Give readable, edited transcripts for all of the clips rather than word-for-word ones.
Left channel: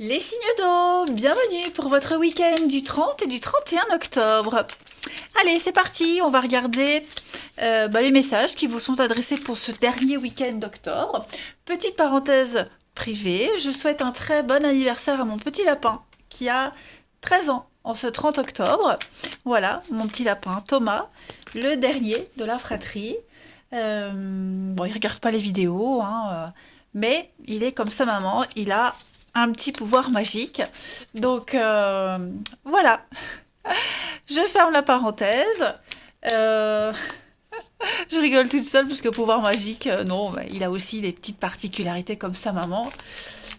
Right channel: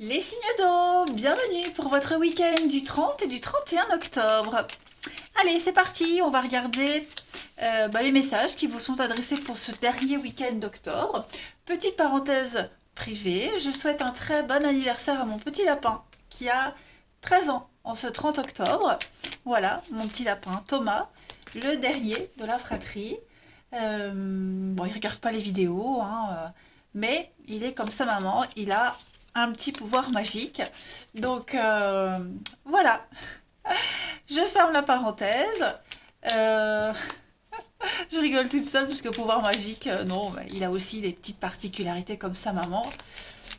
Les signes d'eau, bienvenue pour votre week-end du 30 et du 31 octobre. Allez, c'est parti, on va regarder les messages qui vous sont adressés pour ce dernier week-end d'octobre. Petite parenthèse privée, je souhaite un très bon anniversaire à mon petit lapin qui a 13 ans en ce 30 octobre. Voilà, mon petit lapin Thomas, le dernier de la fratrie. Bon, il regarde pas les vidéos, mais il est comme sa maman, il a un petit pouvoir magique. Donc voilà, je ferme la parenthèse. Euh, je rigole toute seule parce que pouvoir magique, non, bah, il a aussi des petites particularités comme sa maman.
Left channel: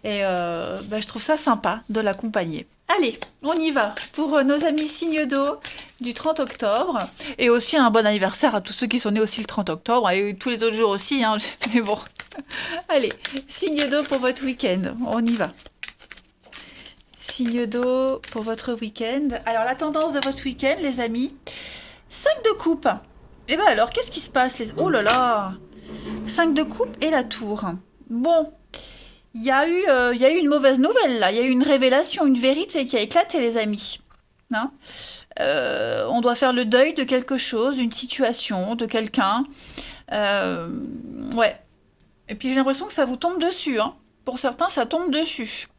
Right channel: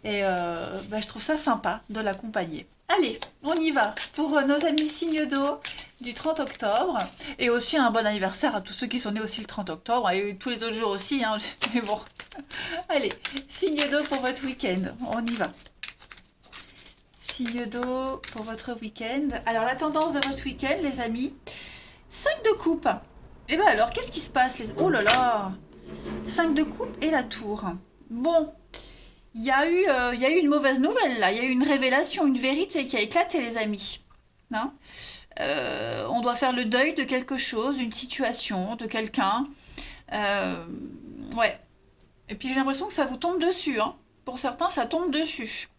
Et je trouve ça sympa de l'accompagner. Allez, on y va pour nos amis signes d'eau du 30 octobre. Et aussi un bon anniversaire à tous ceux qui sont nés aussi le 30 octobre. Et tous les autres jours aussi, hein. Mais bon, allez, signe d'eau pour votre week-end. On y va. Signe d'eau pour votre week-end. Alors, la tendance de votre week-end, les amis, 5 de coupe. Et bien alors, qu'est-ce qui se passe les... Oh là là, 5 de coupe et la tour. Bon, il y a eu une mauvaise nouvelle là. Il y a eu une révélation, une vérité qui a éclaté, les amis. Hein. On doit faire le deuil de quelque chose, d'une situation, de quelqu'un. Euh, ouais. Et puis j'ai l'impression que ça vous tombe dessus. Hein. Pour certains, ça tombe dessus.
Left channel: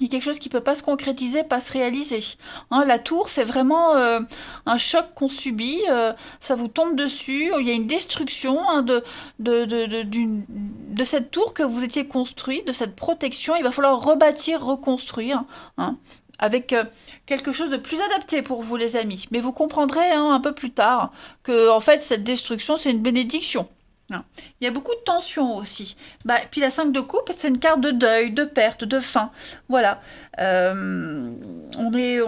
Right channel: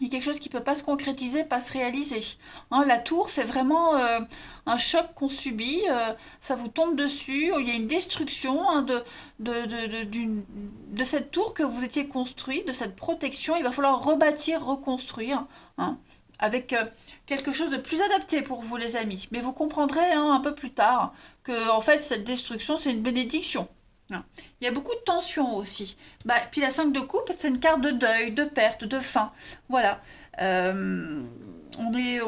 Il y a quelque chose qui ne peut pas se concrétiser, pas se réaliser. Hein, la tour, c'est vraiment un choc qu'on subit, ça vous tombe dessus, il y a une destruction de cette tour que vous étiez construite, de cette protection, il va falloir rebâtir, reconstruire, hein, avec quelque chose de plus adapté pour vous les amis. Mais vous comprendrez un peu plus tard que en fait cette destruction c'est une bénédiction. Hein. Il y a beaucoup de tensions aussi. Puis la 5 de coupe, c'est une carte de deuil, de perte, de fin. Voilà. On est...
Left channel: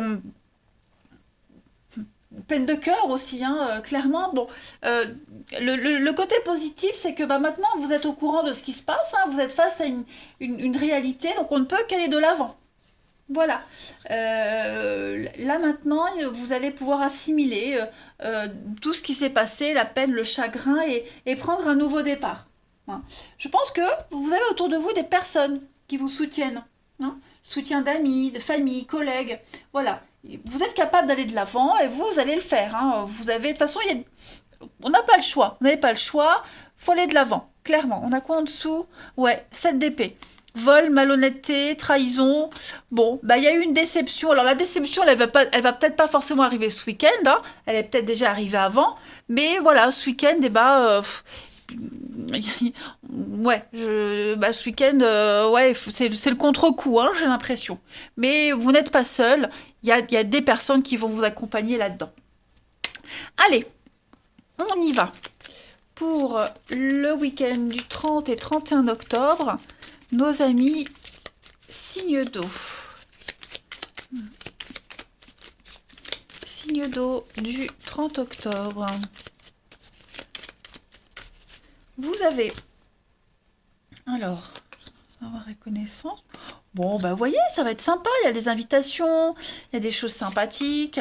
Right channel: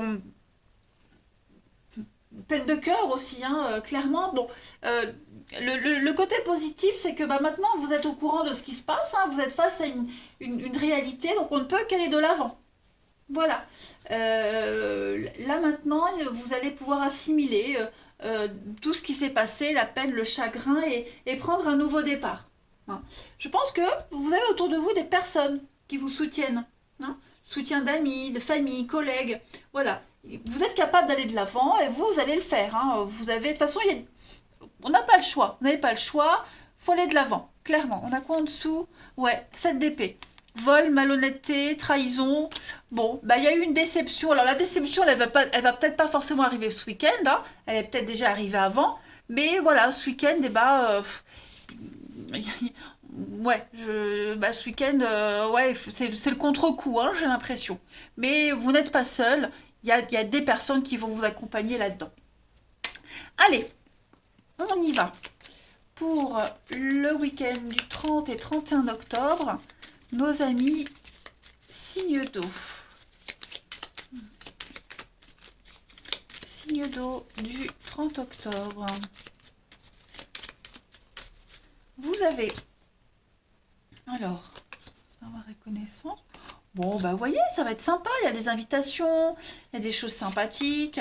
Peine de cœur aussi, clairement. Bon, le côté positif, c'est que maintenant, vous êtes au courant de ce qui se passe. Vous êtes face à une réalité, donc on ne peut qu'aller de l'avant. Voilà. Là maintenant, vous allez pouvoir assimiler tout ce qui s'est passé, la peine, le chagrin, et prendre un nouveau départ. Hein. Je pense que vous avez autour de vous des personnes qui vous soutiennent. Hein. Soutien d'amis, de famille, collègues. Voilà. Vous êtes capable d'aller de l'avant et vous allez le faire. Hein. Vous avez, de toute façon, on n'a pas le choix. Vous n'avez pas le choix. Faut aller de l'avant. Clairement. On a quoi en dessous? Ouais, 7 d'épée. Vol, malhonnêteté, trahison. Bon, il y a eu une déception. Alors la déception, elle va peut-être pas forcément arriver ce week-end. Hein. Elle est peut-être déjà arrivée avant. Mais voilà, ce week-end, ouais, ce week-end, ouais, c'est le contre-coup, hein, j'ai l'impression. Mais vous n'êtes pas seul. Il y a des personnes qui vont vous accompagner là-dedans. Allez, on y va. Pour le week-end du 30 et 31 octobre, nos amis signe d'eau. Signe d'eau du 30 octobre. Vous avez... Alors, avoir reconnaissance. Bon, vous voyez, ça va être sympa. Il y a des invitations, il y a des choses sympathiques.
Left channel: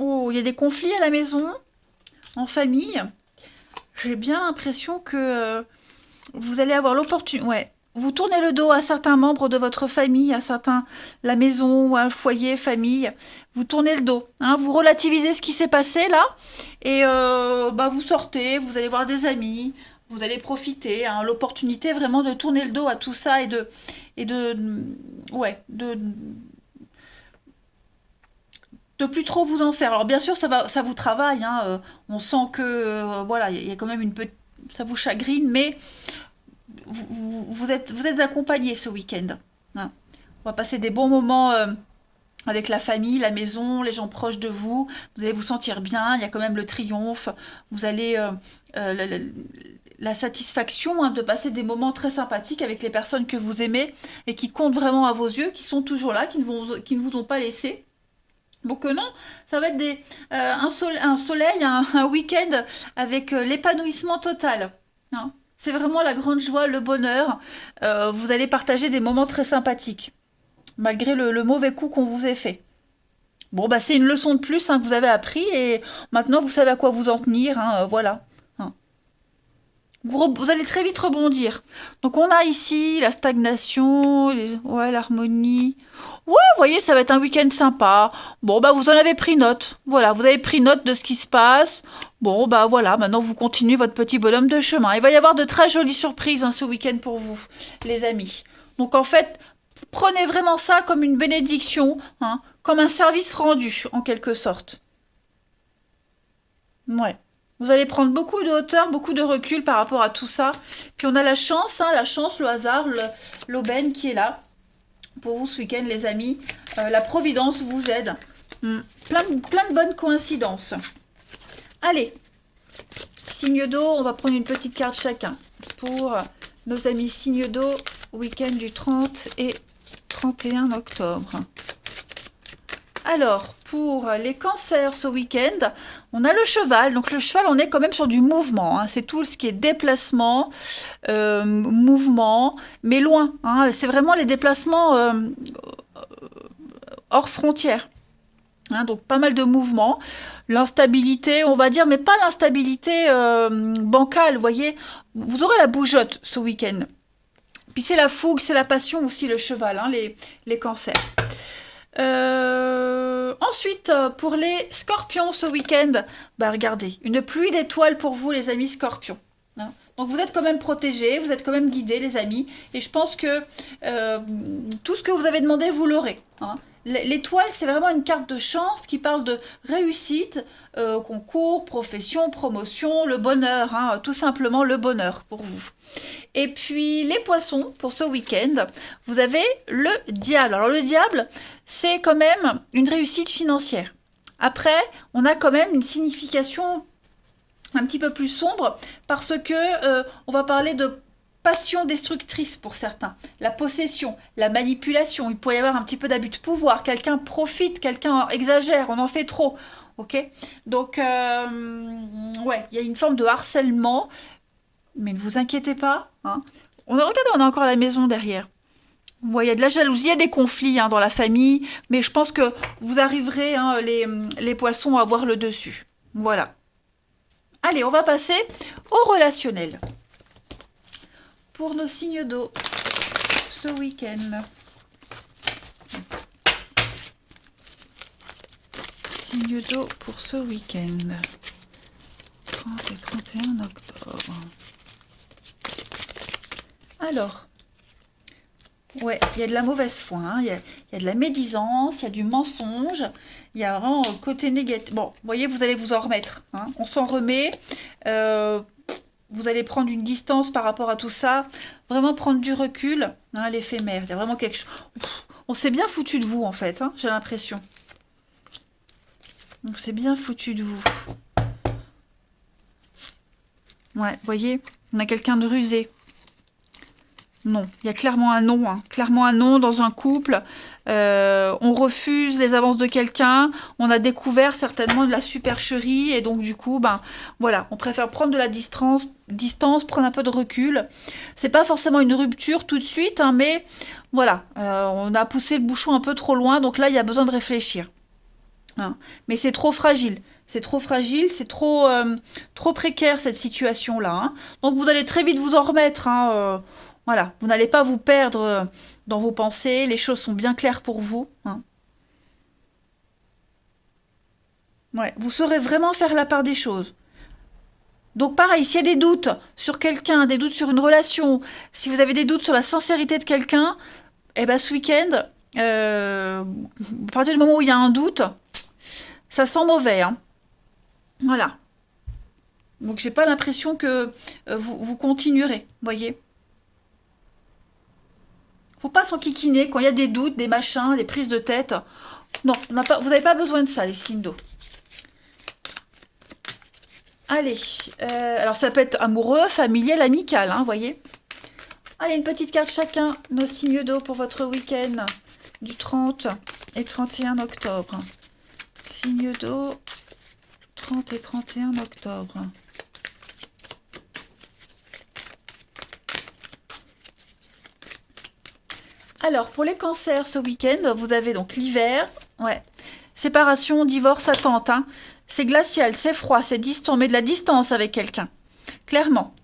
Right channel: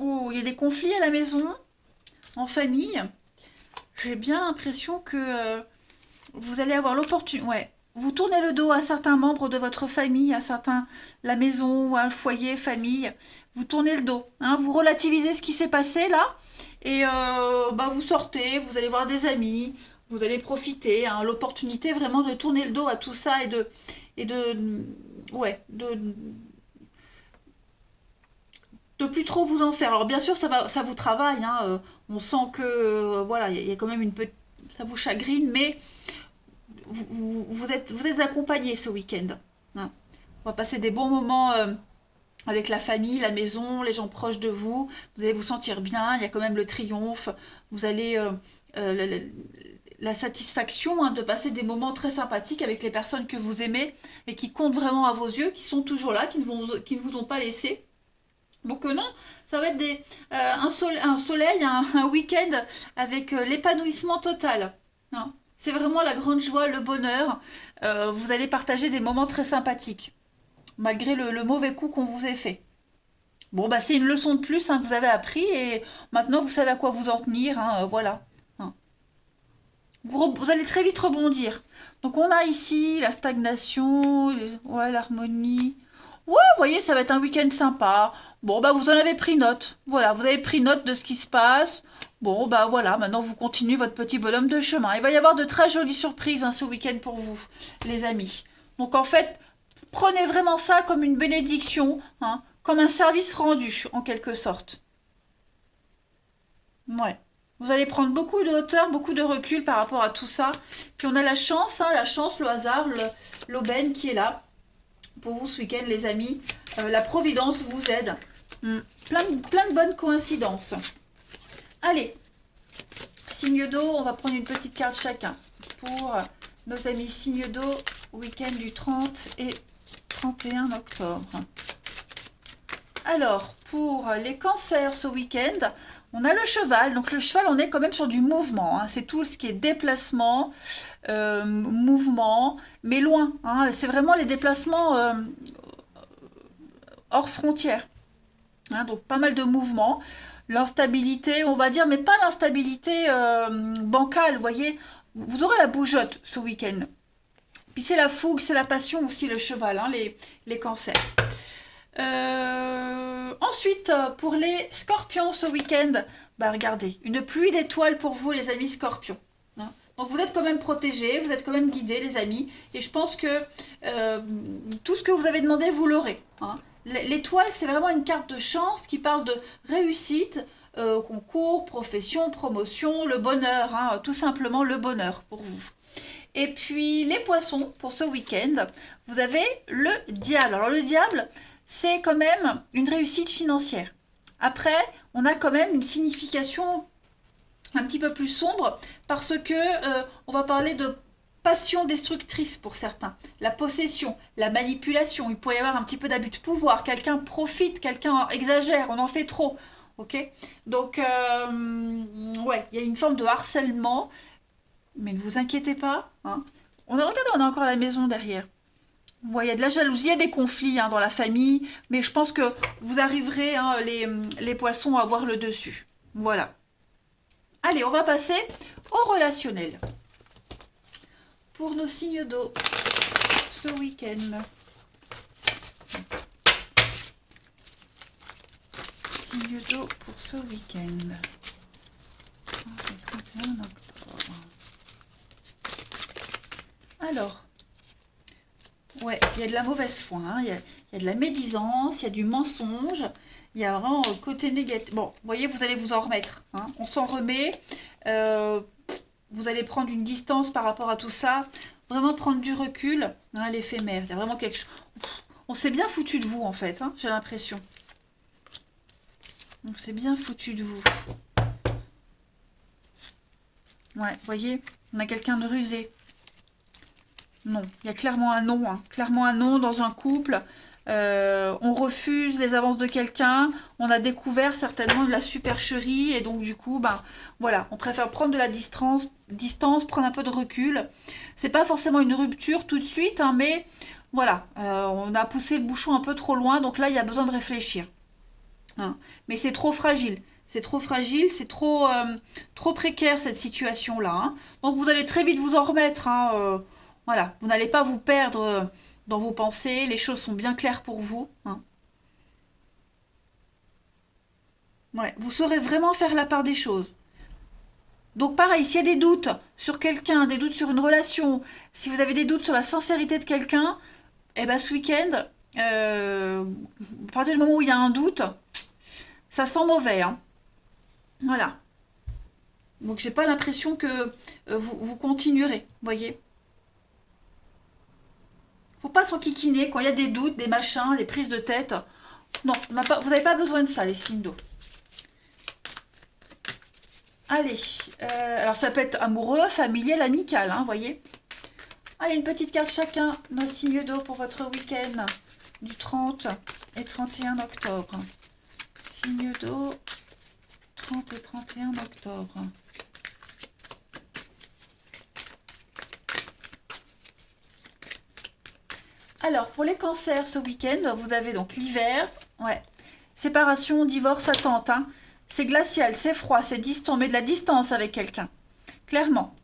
Oh, il y a des conflits à la maison, en famille. J'ai bien l'impression que vous allez avoir l'opportunité. Ouais. Vous tournez le dos à certains membres de votre famille, à certains, la maison, un foyer, famille. Vous tournez le dos. Hein, vous relativisez ce qui s'est passé là. Et vous sortez, vous allez voir des amis. Vous allez profiter. Hein, l'opportunité vraiment de tourner le dos à tout ça ouais, de plus trop vous en faire. Alors bien sûr, ça vous travaille. Hein, on sent que voilà, il y a quand même ça vous chagrine, mais vous êtes accompagné ce week-end. Hein. On va passer des bons moments avec la famille, la maison, les gens proches de vous. Vous allez vous sentir bien. Il y a quand même le triomphe. Vous allez la satisfaction de passer des moments très sympathiques avec les personnes que vous aimez et qui comptent vraiment à vos yeux, qui sont toujours là, qui ne vous ont pas laissé. Donc non, ça va être un soleil, un week-end avec l'épanouissement total. Hein. C'est vraiment la grande joie, le bonheur. Vous allez partager des moments très sympathiques, malgré le mauvais coup qu'on vous ait fait. Bon, c'est une leçon de plus que vous avez appris et maintenant vous savez à quoi vous en tenir. Hein, voilà. Hein. Vous allez très vite rebondir. Donc on a ici la stagnation, ouais, l'harmonie. Ouais, vous voyez, ça va être un week-end sympa. Bon, bah vous en avez pris note. Voilà, vous avez pris note de ce qui se passe. Bon, bah voilà, maintenant vous continuez votre petit bonhomme de chemin. Il va y avoir de très jolies surprises hein, ce week-end pour vous, les amis. Donc en fait, prenez vraiment ça comme une bénédiction, hein, comme un service rendu, en quelque sorte. Ouais. Vous allez prendre beaucoup de hauteur, beaucoup de recul par rapport à tout ça. Puis on a la chance, le hasard, l'aubaine qui est là pour vous ce week-end, les amis. La providence vous aide. Plein de bonnes coïncidences. Allez, signe d'eau, on va prendre une petite carte chacun pour nos amis signe d'eau, week-end du 30 et 31 octobre. Alors, pour les cancers ce week-end, on a le cheval. Donc le cheval, on est quand même sur du mouvement. Hein. C'est tout ce qui est déplacement, mouvement, mais loin. Hein. C'est vraiment les déplacements hors frontières. Hein, donc pas mal de mouvements. L'instabilité, on va dire, mais pas l'instabilité bancale, vous voyez. Vous aurez la bougeotte ce week-end. Puis c'est la fougue, c'est la passion aussi, le cheval, hein, les cancers. Ensuite, pour les scorpions ce week-end, bah regardez, une pluie d'étoiles pour vous les amis scorpions. Hein. Donc vous êtes quand même protégés, vous êtes quand même guidés les amis, et je pense que tout ce que vous avez demandé, vous l'aurez. Hein. L'étoile, c'est vraiment une carte de chance qui parle de réussite, concours, profession, promotion, le bonheur, hein, tout simplement le bonheur pour vous. Et puis les poissons, pour ce week-end, vous avez le diable. Alors le diable, c'est quand même une réussite financière. Après, on a quand même une signification un petit peu plus sombre parce que on va parler de passion destructrice pour certains, la possession, la manipulation, il pourrait y avoir un petit peu d'abus de pouvoir, quelqu'un profite, quelqu'un exagère, on en fait trop, ok. Donc, ouais, il y a une forme de harcèlement, mais ne vous inquiétez pas, hein. Regardez, on a encore la maison derrière. Ouais, il y a de la jalousie, il y a des conflits hein, dans la famille, mais je pense que vous arriverez, hein, les poissons, à avoir le dessus. Voilà. Allez, on va passer au relationnel. Pour nos signes d'eau ce week-end. Signes d'eau pour ce week-end. 30 et 31 octobre. Alors, ouais, il y a de la mauvaise foi, hein, il y a de la médisance, il y a du mensonge, il y a vraiment le côté négatif. Bon, vous voyez, vous allez vous en remettre. Hein, on s'en remet. Vous allez prendre une distance par rapport à tout ça, vraiment prendre du recul, hein, l'éphémère, il y a vraiment quelque chose. On s'est bien foutu de vous en fait, hein, j'ai l'impression. On s'est bien foutu de vous. Ouais, vous voyez, on a quelqu'un de rusé. Non, il y a clairement un non, hein. Clairement un non dans un couple. On refuse les avances de quelqu'un. On a découvert certainement de la supercherie et donc du coup, ben voilà, on préfère prendre de la distance, prendre un peu de recul. C'est pas forcément une rupture tout de suite, hein, mais voilà, on a poussé le bouchon un peu trop loin, donc là il y a besoin de réfléchir. Hein. Mais c'est trop fragile. C'est trop fragile, c'est trop précaire cette situation-là. Hein. Donc vous allez très vite vous en remettre. Hein, voilà, vous n'allez pas vous perdre dans vos pensées, les choses sont bien claires pour vous. Hein. Ouais, vous saurez vraiment faire la part des choses. Donc pareil, s'il y a des doutes sur quelqu'un, des doutes sur une relation, si vous avez des doutes sur la sincérité de quelqu'un, eh ben ce week-end, à partir du moment où il y a un doute, ça sent mauvais. Hein. Voilà. Donc j'ai pas l'impression que vous continuerez, voyez. Faut pas s'enquiquiner quand il y a des doutes, des machins, des prises de tête. Non, vous n'avez pas besoin de ça, les signes d'eau. Allez, alors ça peut être amoureux, familial, amical, hein, voyez. Allez, une petite carte chacun, nos signes d'eau pour votre week-end du 30 et 31 octobre. Signes d'eau, 30 et 31 octobre. Alors, pour les cancers ce week-end, vous avez donc l'hiver, ouais, séparation, divorce, attente, hein. C'est glacial, c'est froid, c'est distant, mais de la distance avec quelqu'un, clairement.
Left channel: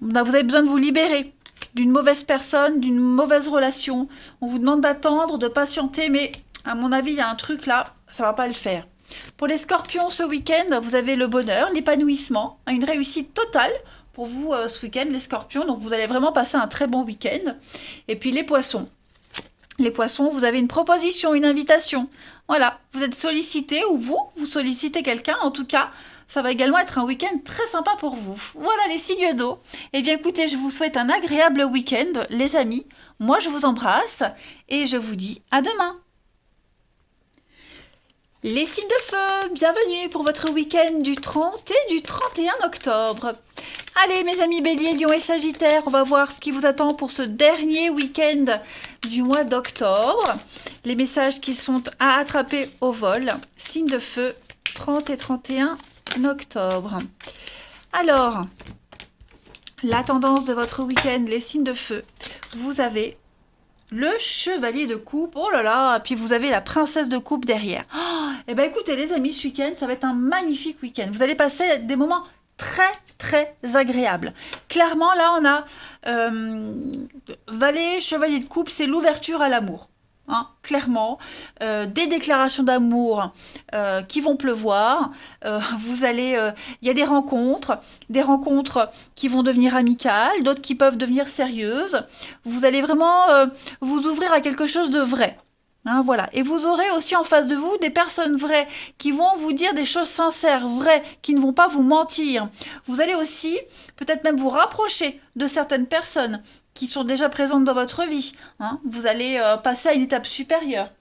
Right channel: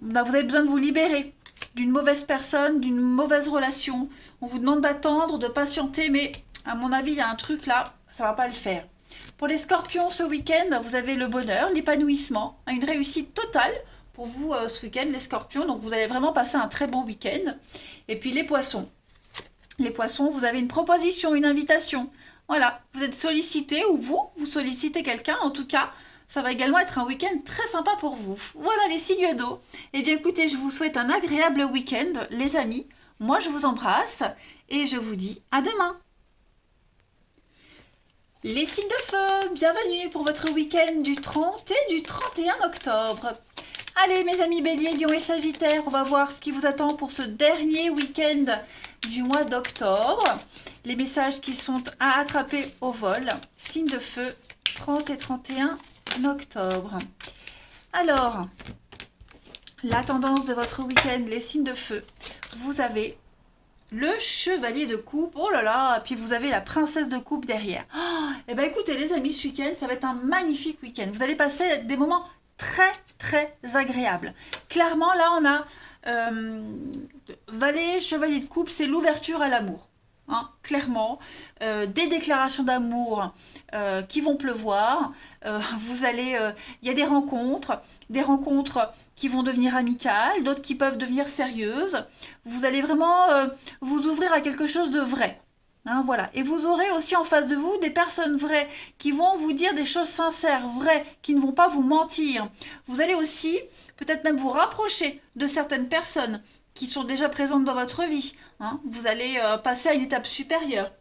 Vous avez besoin de vous libérer d'une mauvaise personne, d'une mauvaise relation. On vous demande d'attendre, de patienter, mais à mon avis, il y a un truc là, ça va pas le faire. Pour les scorpions, ce week-end, vous avez le bonheur, l'épanouissement, une réussite totale pour vous ce week-end, les scorpions. Donc, vous allez vraiment passer un très bon week-end. Et puis, les poissons. Les poissons, vous avez une proposition, une invitation. Voilà, vous êtes sollicité ou vous sollicitez quelqu'un. En tout cas, ça va également être un week-end très sympa pour vous. Voilà les signes d'eau. Eh bien écoutez, je vous souhaite un agréable week-end, les amis. Moi, je vous embrasse et je vous dis à demain. Les signes de feu, bienvenue pour votre week-end du 30 et du 31 octobre. Allez mes amis Bélier, Lion et Sagittaire, on va voir ce qui vous attend pour ce dernier week-end du mois d'octobre. Les messages qui sont à attraper au vol. Signes de feu, 30 et 31 octobre. Alors, la tendance de votre week-end, les signes de feu. Vous avez le chevalier de coupe, oh là là, puis vous avez la princesse de coupe derrière. Oh, et bien écoutez les amis, ce week-end, ça va être un magnifique week-end. Vous allez passer des moments très très agréables. Clairement, là, on a valet, chevalier de coupe, c'est l'ouverture à l'amour. Hein, clairement, des déclarations d'amour qui vont pleuvoir. Vous allez, il y a des rencontres qui vont devenir amicales, d'autres qui peuvent devenir sérieuses. Vous allez vraiment vous ouvrir à quelque chose de vrai. Hein, voilà. Et vous aurez aussi en face de vous des personnes vraies qui vont vous dire des choses sincères, vraies, qui ne vont pas vous mentir. Vous allez aussi peut-être même vous rapprocher de certaines personnes qui sont déjà présentes dans votre vie. Hein. Vous allez passer à une étape supérieure.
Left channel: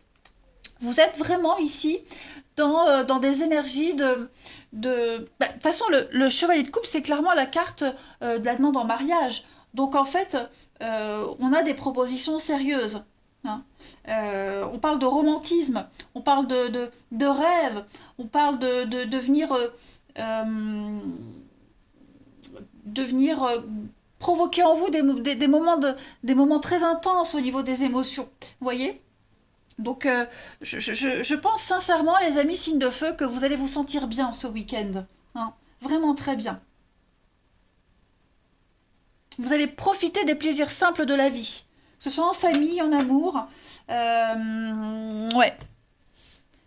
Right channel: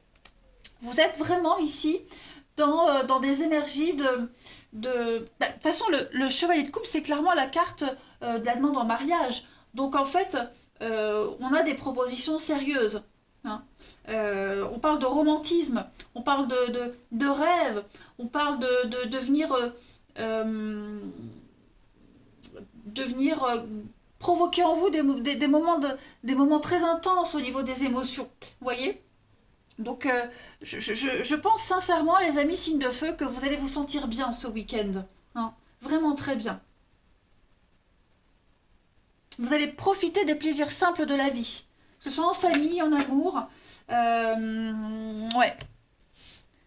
Vous êtes vraiment ici dans des énergies de toute façon, le chevalier de coupe, c'est clairement la carte de la demande en mariage. Donc en fait, on a des propositions sérieuses. Hein. On parle de romantisme, on parle de rêve, on parle de devenir provoquer en vous des moments très intenses au niveau des émotions. Vous voyez? Donc, je pense sincèrement, les amis signes de feu, que vous allez vous sentir bien ce week-end. Hein. Vraiment très bien. Vous allez profiter des plaisirs simples de la vie. Que ce soit en famille, en amour. Ouais,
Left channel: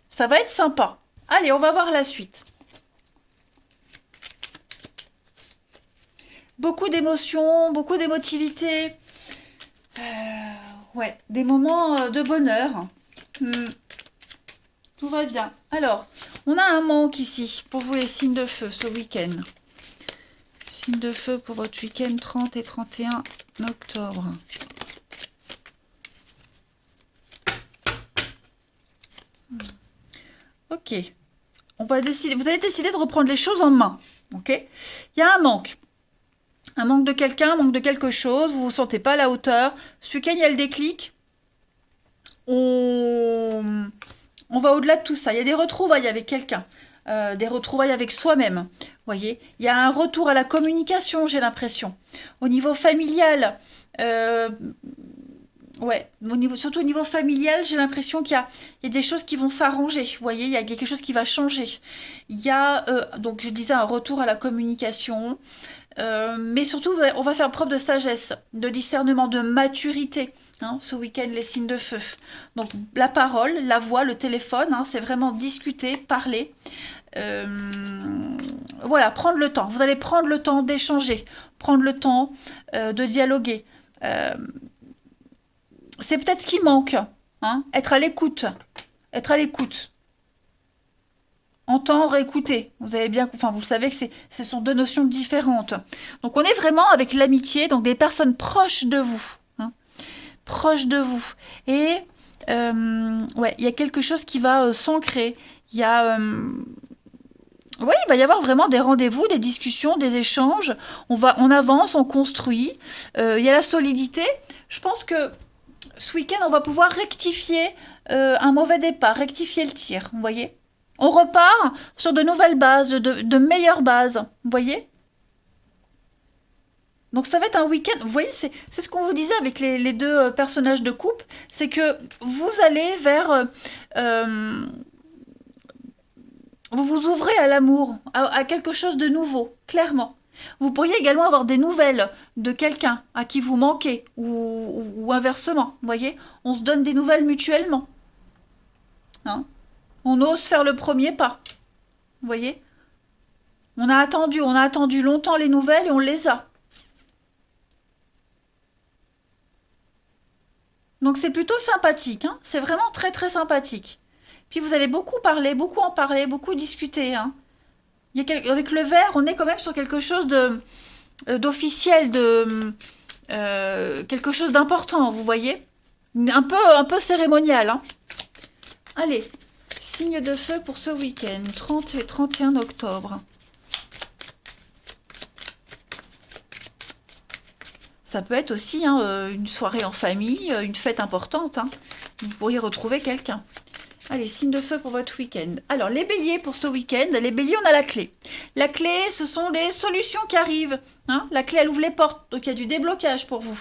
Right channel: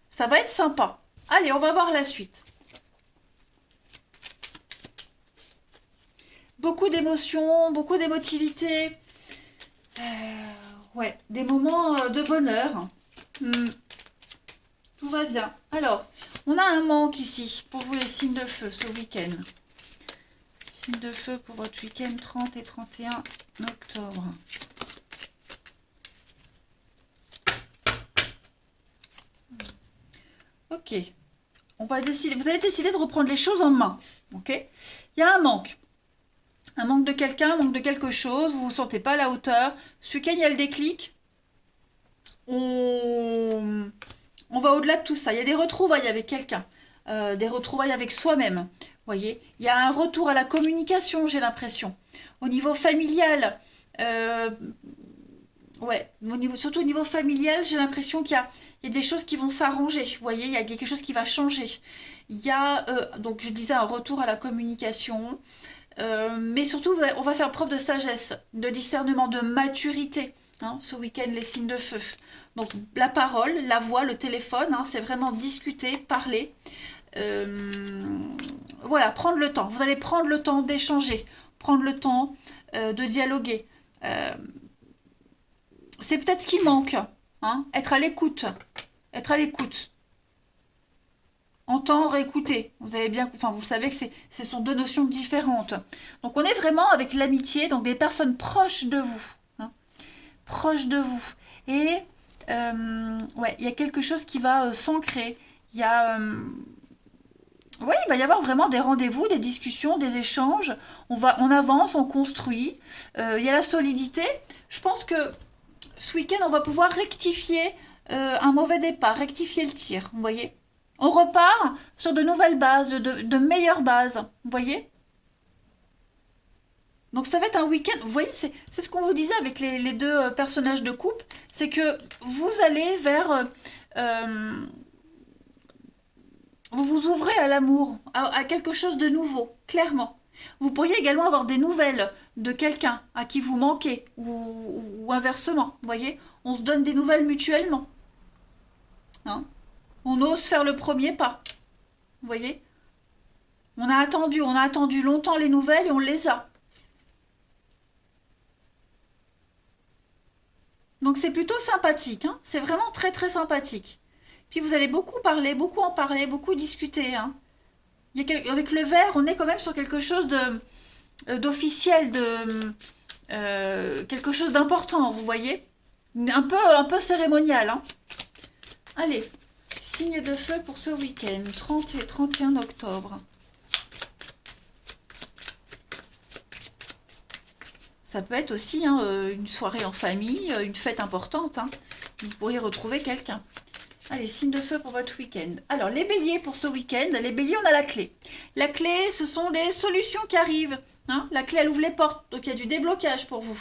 ça va être sympa. Allez, on va voir la suite. Beaucoup d'émotions, beaucoup d'émotivité. Ouais, des moments de bonheur. Tout va bien. Alors, on a un manque ici pour vous les signes de feu ce week-end. Signes de feu pour votre week-end 30 et 31 octobre. Ok. On va décider. Vous allez décider de reprendre les choses en main. Ok. Il y a un manque. Un manque de quelqu'un, un manque de quelque chose. Vous ne vous sentez pas à la hauteur. Ce week-end, il y a le déclic. On va au-delà de tout ça. Il y a des retrouvailles avec quelqu'un. Des retrouvailles avec soi-même. Vous voyez, il y a un retour à la communication, j'ai l'impression. Au niveau familial, ouais, surtout au niveau familial, j'ai l'impression qu'il y a des choses qui vont s'arranger. Vous voyez, il y a quelque chose qui va changer. Il y a, donc je disais, un retour à la communication. Mais surtout, on va faire preuve de sagesse, de discernement, de maturité. Hein, ce week-end, les signes de feu. Donc, la parole, la voix, le téléphone, hein, c'est vraiment discuter, parler. Voilà, prendre le temps. Vous allez prendre le temps d'échanger, prendre le temps de dialoguer. C'est peut-être ce qui manque. Hein, être à l'écoute. Être à l'écoute. Entendre et écouter. Vous avez bien, enfin, vous savez que ce sont deux notions différentes. Donc, on est vraiment avec l'amitié, donc des personnes proches de vous. Hein, proches de vous. Et ouais, il y a quelque chose qui va s'ancrer. Il y a... ouais, il va y avoir vraiment des rendez-vous, des discussions, des échanges. On avance, on construit. Il y a la solidité. Je pense que ce week-end, on va pouvoir rectifier un mauvais départ, rectifier le tir. Vous voyez? On repart sur de nouvelles bases, de meilleures bases. Vous voyez? Donc ça va être un week-end. Vous voyez, c'est ce qu'on vous disait avec les deux personnages de couple. C'est que vous allez vers... vous vous ouvrez à l'amour, à quelque chose de nouveau, clairement. Vous pourriez également avoir des nouvelles de quelqu'un à qui vous manquez, ou inversement, vous voyez, on se donne des nouvelles mutuellement. Hein. On ose faire le premier pas, vous voyez. On a attendu longtemps les nouvelles et on les a. Donc c'est plutôt sympathique, hein. C'est vraiment très très sympathique. Puis vous allez beaucoup parler, beaucoup en parler, beaucoup discuter. Hein. Avec le verre, on est quand même sur quelque chose d'officiel, quelque chose d'important, vous voyez. Un peu cérémonial. Hein. Allez, signe de feu pour ce week-end, 30 et 31 octobre. Ça peut être aussi hein, une soirée en famille, une fête importante. Hein. Vous pourriez retrouver quelqu'un. Allez, signe de feu pour votre week-end. Alors, les béliers pour ce week-end. Les béliers, on a la clé. La clé, ce sont des solutions qui arrivent. Hein. La clé, elle ouvre les portes. Donc, il y a du déblocage pour vous.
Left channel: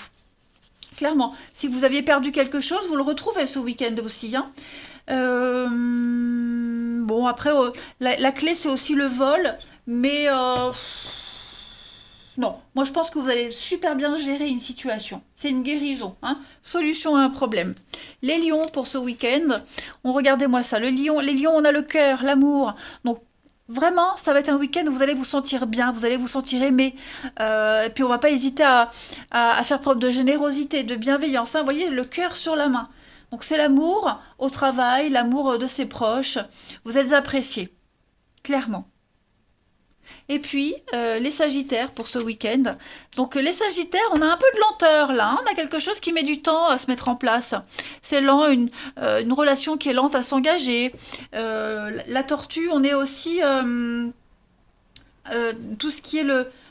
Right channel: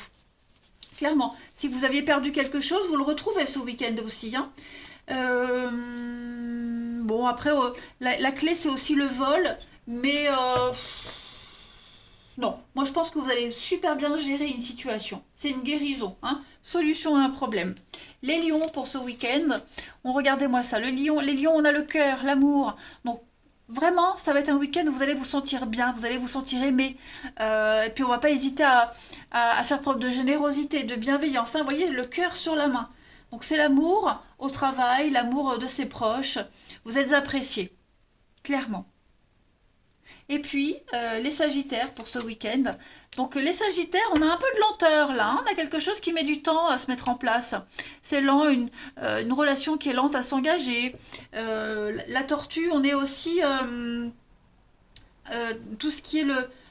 Clairement. Si vous aviez perdu quelque chose, vous le retrouvez ce week-end aussi. Hein. Bon, après, la clé, c'est aussi le vol. Mais... non, moi je pense que vous allez super bien gérer une situation. C'est une guérison, hein. Solution à un problème. Les lions pour ce week-end, regardez-moi ça. Les lions, on a le cœur, l'amour. Donc vraiment, ça va être un week-end où vous allez vous sentir bien, vous allez vous sentir aimé. Et puis on va pas hésiter à faire preuve de générosité, de bienveillance. Hein. Vous voyez, le cœur sur la main. Donc c'est l'amour au travail, l'amour de ses proches. Vous êtes appréciés, clairement. Et puis, les sagittaires pour ce week-end. Donc, les sagittaires, on a un peu de lenteur là. Hein. On a quelque chose qui met du temps à se mettre en place. C'est lent, une relation qui est lente à s'engager. La tortue, on est aussi tout ce qui est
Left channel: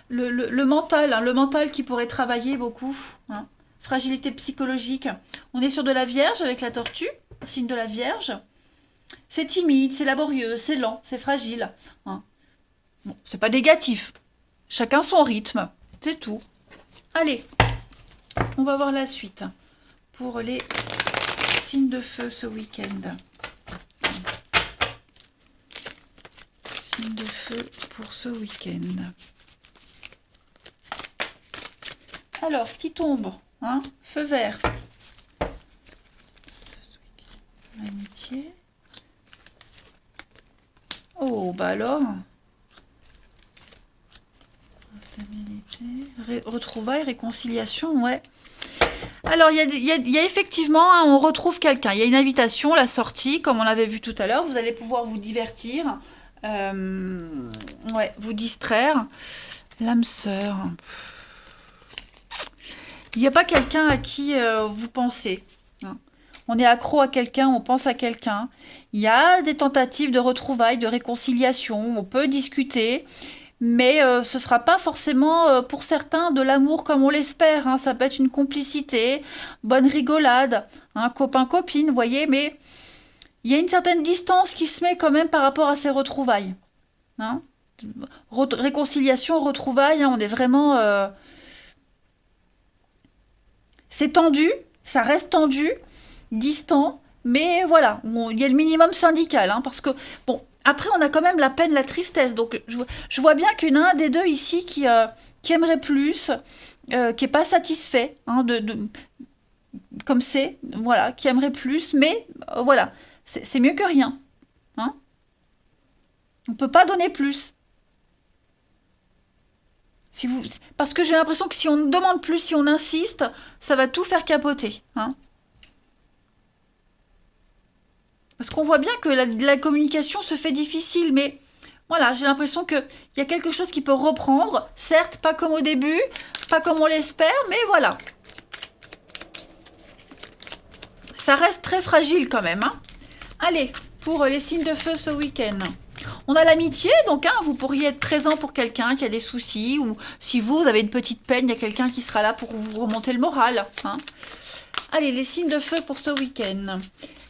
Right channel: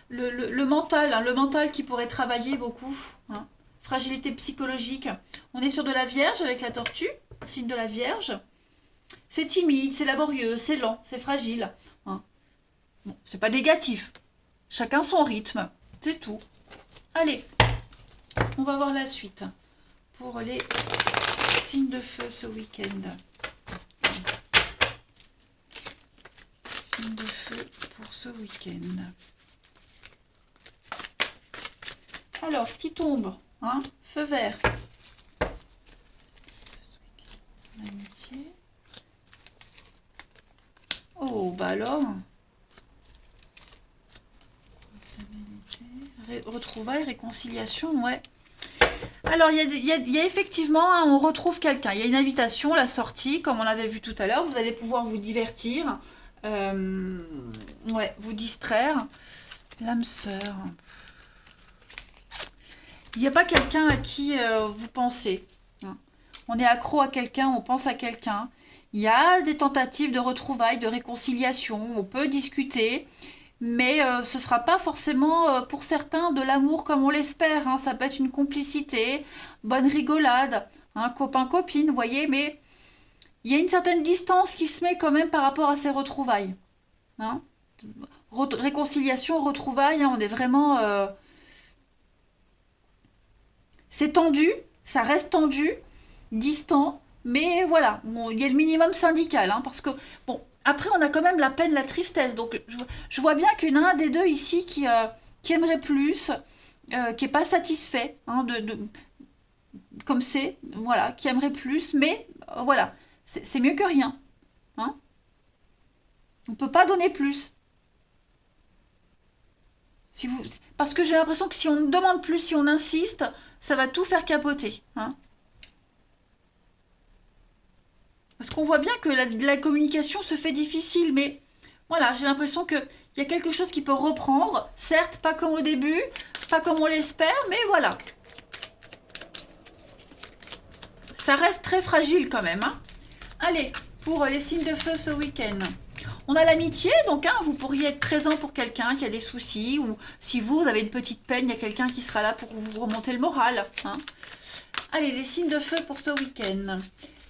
le mental. Hein, le mental qui pourrait travailler beaucoup. Hein. Fragilité psychologique. On est sur de la Vierge avec la tortue. Signe de la Vierge. C'est timide, c'est laborieux, c'est lent, c'est fragile. Hein. Bon, c'est pas négatif. Chacun son rythme. C'est tout. Allez, on va voir la suite pour les signes de feu ce week-end. Signes de feu pour ce week-end. Alors, ce qui tombe, hein, feu vert. L'amitié. Oh, bah alors... retrouvailles, réconciliation, ouais. Alors, il y a effectivement, hein, on retrouve quelqu'un. Il y a une invitation, la sortie, comme on l'avait vu tout à l'heure. Vous allez pouvoir vous divertir, ouais, vous distraire. L'âme sœur. Il n'y a pas quelqu'un à qui vous pensez. Hein. On est accro à quelqu'un, on pense à quelqu'un. Il y a des tentatives de retrouvailles, de réconciliation. On peut discuter. Mais ce ne sera pas forcément pour certains de l'amour comme on l'espère. Hein. Ça peut être une complicité, bonne rigolade, hein, copain-copine, vous voyez. Mais il y a une certaine distance qui se met quand même par rapport à ces retrouvailles. Hein. Réconciliation, retrouvailles, hein, on est vraiment... c'est tendu, ça reste tendu, distant. Mais voilà, bon, il y a le minimum syndical. Hein, parce que, bon... Après, on a quand même la peine, la tristesse. Donc, je vois bien qu'il y en a un des deux ici qui aimerait plus, qui n'est pas satisfait, hein, comme c'est, voilà, qui aimerait plus. Mais voilà, c'est mieux que rien. Hein. On ne peut pas donner plus. Parce que j'ai l'impression que si on demande plus, si on insiste, ça va tout faire capoter. Hein. Parce qu'on voit bien que la communication se fait difficile, mais voilà, j'ai l'impression qu'il y a quelque chose qui peut reprendre. Certes, pas comme au début, pas comme on l'espère, mais voilà. Ça reste très fragile quand même. Hein. Allez, pour les signes de feu ce week-end. On a l'amitié, donc hein, vous pourriez être présent pour quelqu'un qui a des soucis, ou si vous avez une petite peine, il y a quelqu'un qui sera là pour vous remonter le moral. Hein. Allez, les signes de feu pour ce week-end.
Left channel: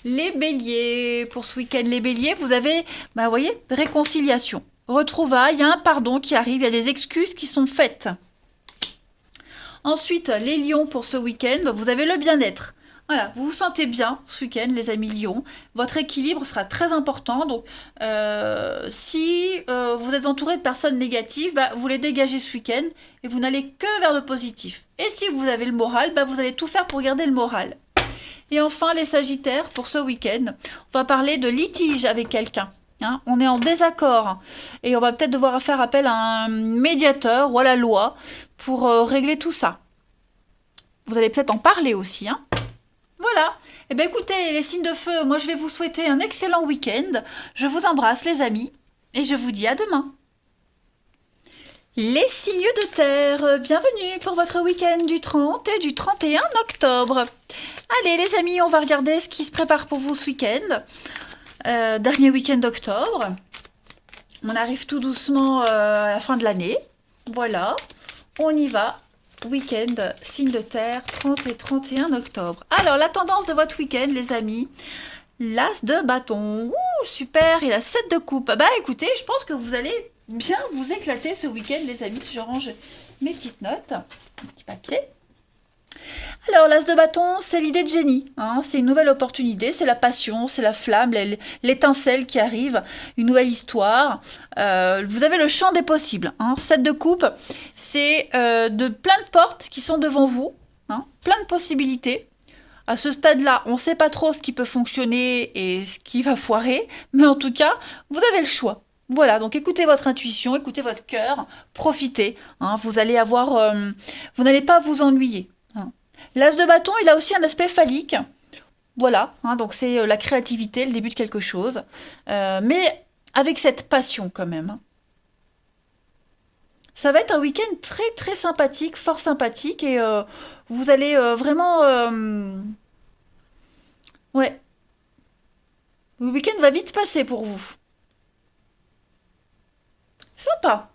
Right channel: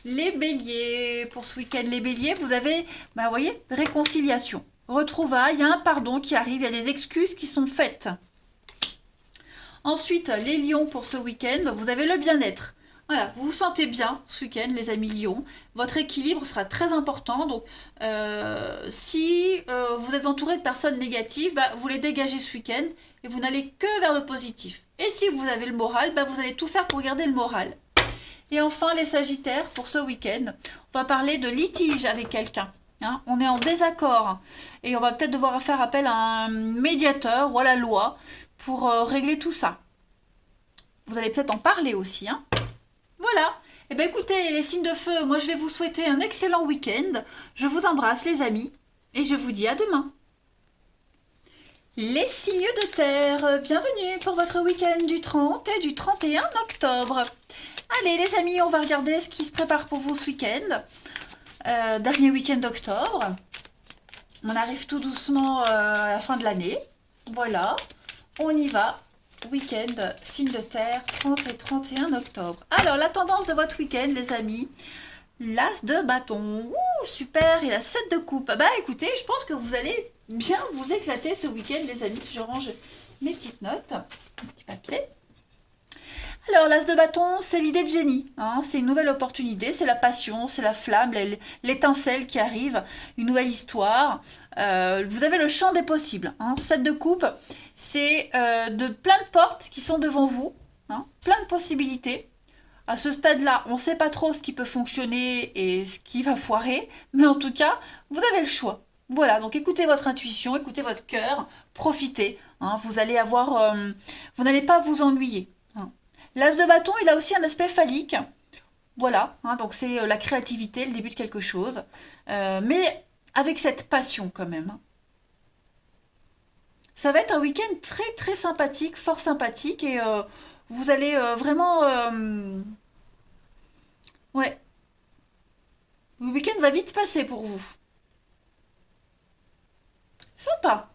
Les béliers, pour ce week-end, les béliers, vous avez, bah, vous voyez, réconciliation, retrouvailles, il y a un pardon qui arrive, il y a des excuses qui sont faites. Ensuite, les lions, pour ce week-end, vous avez le bien-être. Voilà, vous vous sentez bien ce week-end, les amis Lion. Votre équilibre sera très important. Donc, si vous êtes entouré de personnes négatives, bah, vous les dégagez ce week-end et vous n'allez que vers le positif. Et si vous avez le moral, bah, vous allez tout faire pour garder le moral. Et enfin, les Sagittaires, pour ce week-end, on va parler de litige avec quelqu'un. Hein, on est en désaccord et on va peut-être devoir faire appel à un médiateur ou à la loi pour régler tout ça. Vous allez peut-être en parler aussi, hein. Voilà. Eh bien écoutez, les signes de feu, moi je vais vous souhaiter un excellent week-end. Je vous embrasse les amis et je vous dis à demain. Les signes de terre, bienvenue pour votre week-end du 30 et du 31 octobre. Allez les amis, on va regarder ce qui se prépare pour vous ce week-end. Dernier week-end d'octobre. On arrive tout doucement à la fin de l'année. Voilà, on y va. Week-end, signe de terre, 30 et 31 octobre. Alors, la tendance de votre week-end, les amis, l'as de bâton. Ouh, super, il a 7 de coupe. Bah écoutez, je pense que vous allez bien vous éclater ce week-end, les amis. Je range mes petites notes, un petit papier. Alors, l'as de bâton, c'est l'idée de génie. Hein, c'est une nouvelle opportunité, c'est la passion, c'est la flamme, l'étincelle qui arrive, une nouvelle histoire. Vous avez le champ des possibles. Hein. 7 de coupe, c'est de plein de portes qui sont devant vous, hein, plein de possibilités. À ce stade-là, on ne sait pas trop ce qui peut fonctionner et ce qui va foirer, mais en tout cas, vous avez le choix. Voilà, donc écoutez votre intuition, écoutez votre cœur, profitez. Hein, vous allez avoir, vous n'allez pas vous ennuyer. Hein. L'as de bâton, il a aussi un aspect phallique. Voilà, hein, donc c'est la créativité, le début de quelque chose. Mais avec cette passion quand même. Hein. Ça va être un week-end très très sympathique, fort sympathique. Et vous allez vraiment... ouais, le week-end va vite passer pour vous. Sympa,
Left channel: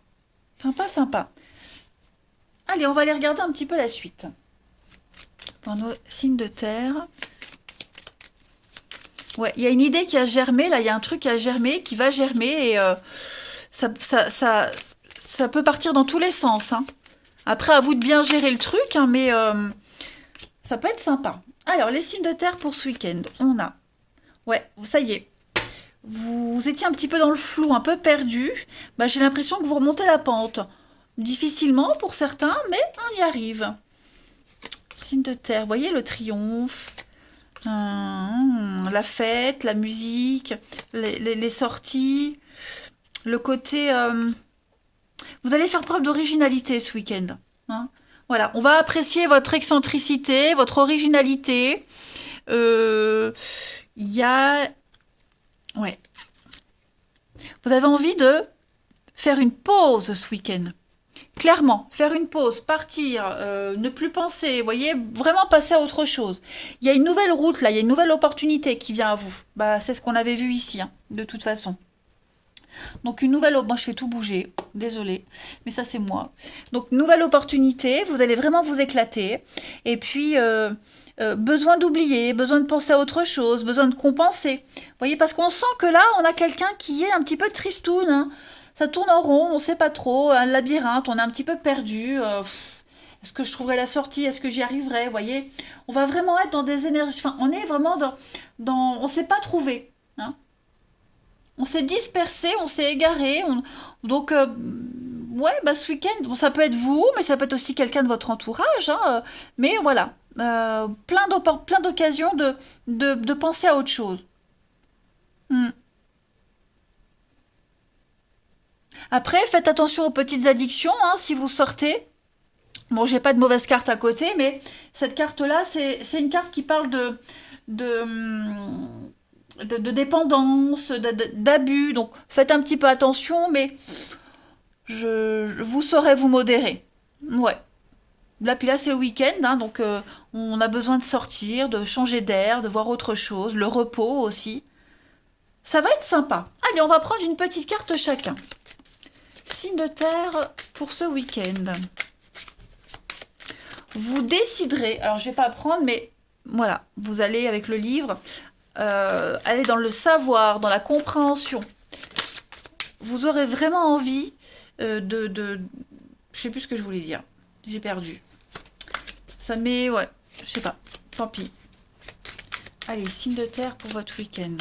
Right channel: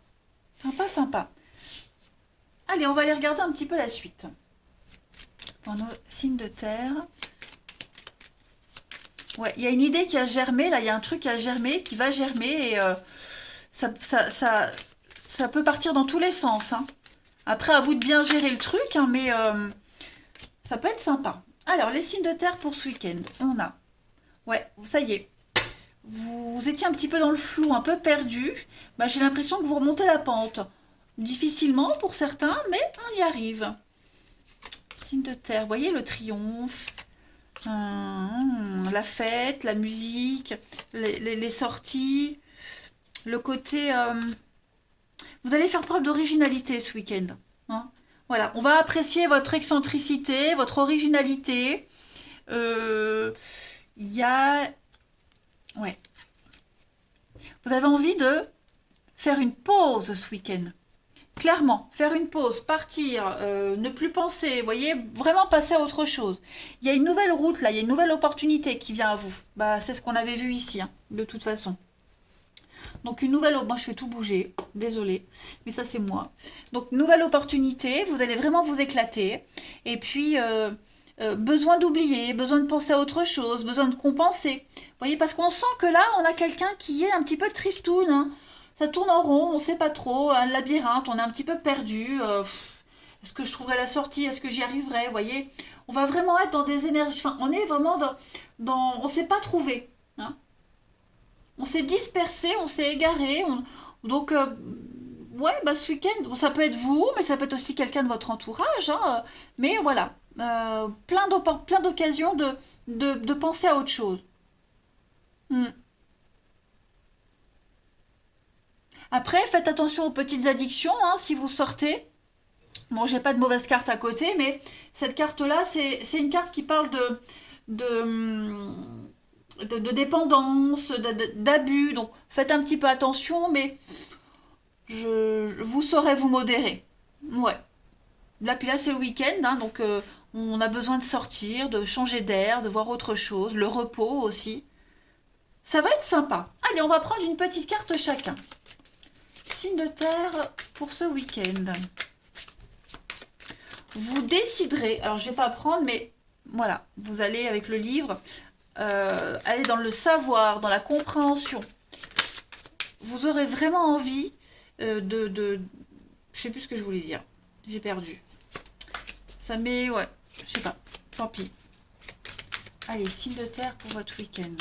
sympa, sympa. Allez, on va aller regarder un petit peu la suite. Pour nos signes de terre. Ouais, il y a une idée qui a germé, là, il y a un truc qui a germé, qui va germer, et ça peut partir dans tous les sens. Hein. Après, à vous de bien gérer le truc, hein, mais ça peut être sympa. Alors, les signes de terre pour ce week-end, on a... Ouais, ça y est. Vous étiez un petit peu dans le flou, un peu perdu. Bah, j'ai l'impression que vous remontez la pente. Difficilement pour certains, mais on y arrive. Signe de terre, vous voyez le triomphe. La fête, la musique, les sorties, le côté... vous allez faire preuve d'originalité ce week-end. Hein. Voilà, on va apprécier votre excentricité, votre originalité. Il y a... Ouais. Vous avez envie de faire une pause ce week-end. Clairement, faire une pause, partir, ne plus penser, vous voyez, vraiment passer à autre chose. Il y a une nouvelle route là, il y a une nouvelle opportunité qui vient à vous. Bah, c'est ce qu'on avait vu ici, hein, de toute façon. Donc une nouvelle... Moi, je fais tout bouger, désolée, mais ça c'est moi. Donc nouvelle opportunité, vous allez vraiment vous éclater. Et puis, besoin d'oublier, besoin de penser à autre chose, besoin de compenser. Vous voyez, parce qu'on sent que là, on a quelqu'un qui est un petit peu tristoun, hein. Ça tourne en rond, on ne sait pas trop, un labyrinthe, on est un petit peu perdu. Est-ce que je trouverai la sortie? Est-ce que j'y arriverai? Vous voyez, on va vraiment être dans des énergies. Enfin, on est vraiment on ne s'est pas trouvé. Hein. On s'est dispersé, on s'est égaré. Donc, ouais, bah, ce week-end, bon, ça peut être vous, mais ça peut être aussi quelqu'un de votre entourage. Hein. Mais voilà, plein d'occasions de penser à autre chose. Hmm. Après, faites attention aux petites addictions, hein, si vous sortez. Bon, j'ai pas de mauvaise carte à côté, mais cette carte-là, c'est une carte qui parle de, de dépendance, d'abus. Donc, faites un petit peu attention, mais vous saurez vous modérer. Ouais. Là, puis là, c'est le week-end, hein, donc on a besoin de sortir, de changer d'air, de voir autre chose, le repos aussi. Ça va être sympa. Allez, on va prendre une petite carte chacun. Signe de terre pour ce week-end. Vous déciderez, alors je ne vais pas prendre, mais voilà, vous allez avec le livre, aller dans le savoir, dans la compréhension. Vous aurez vraiment envie je sais plus ce que je voulais dire, j'ai perdu. Ça met, ouais, je sais pas, tant pis. Allez, signe de terre pour votre week-end.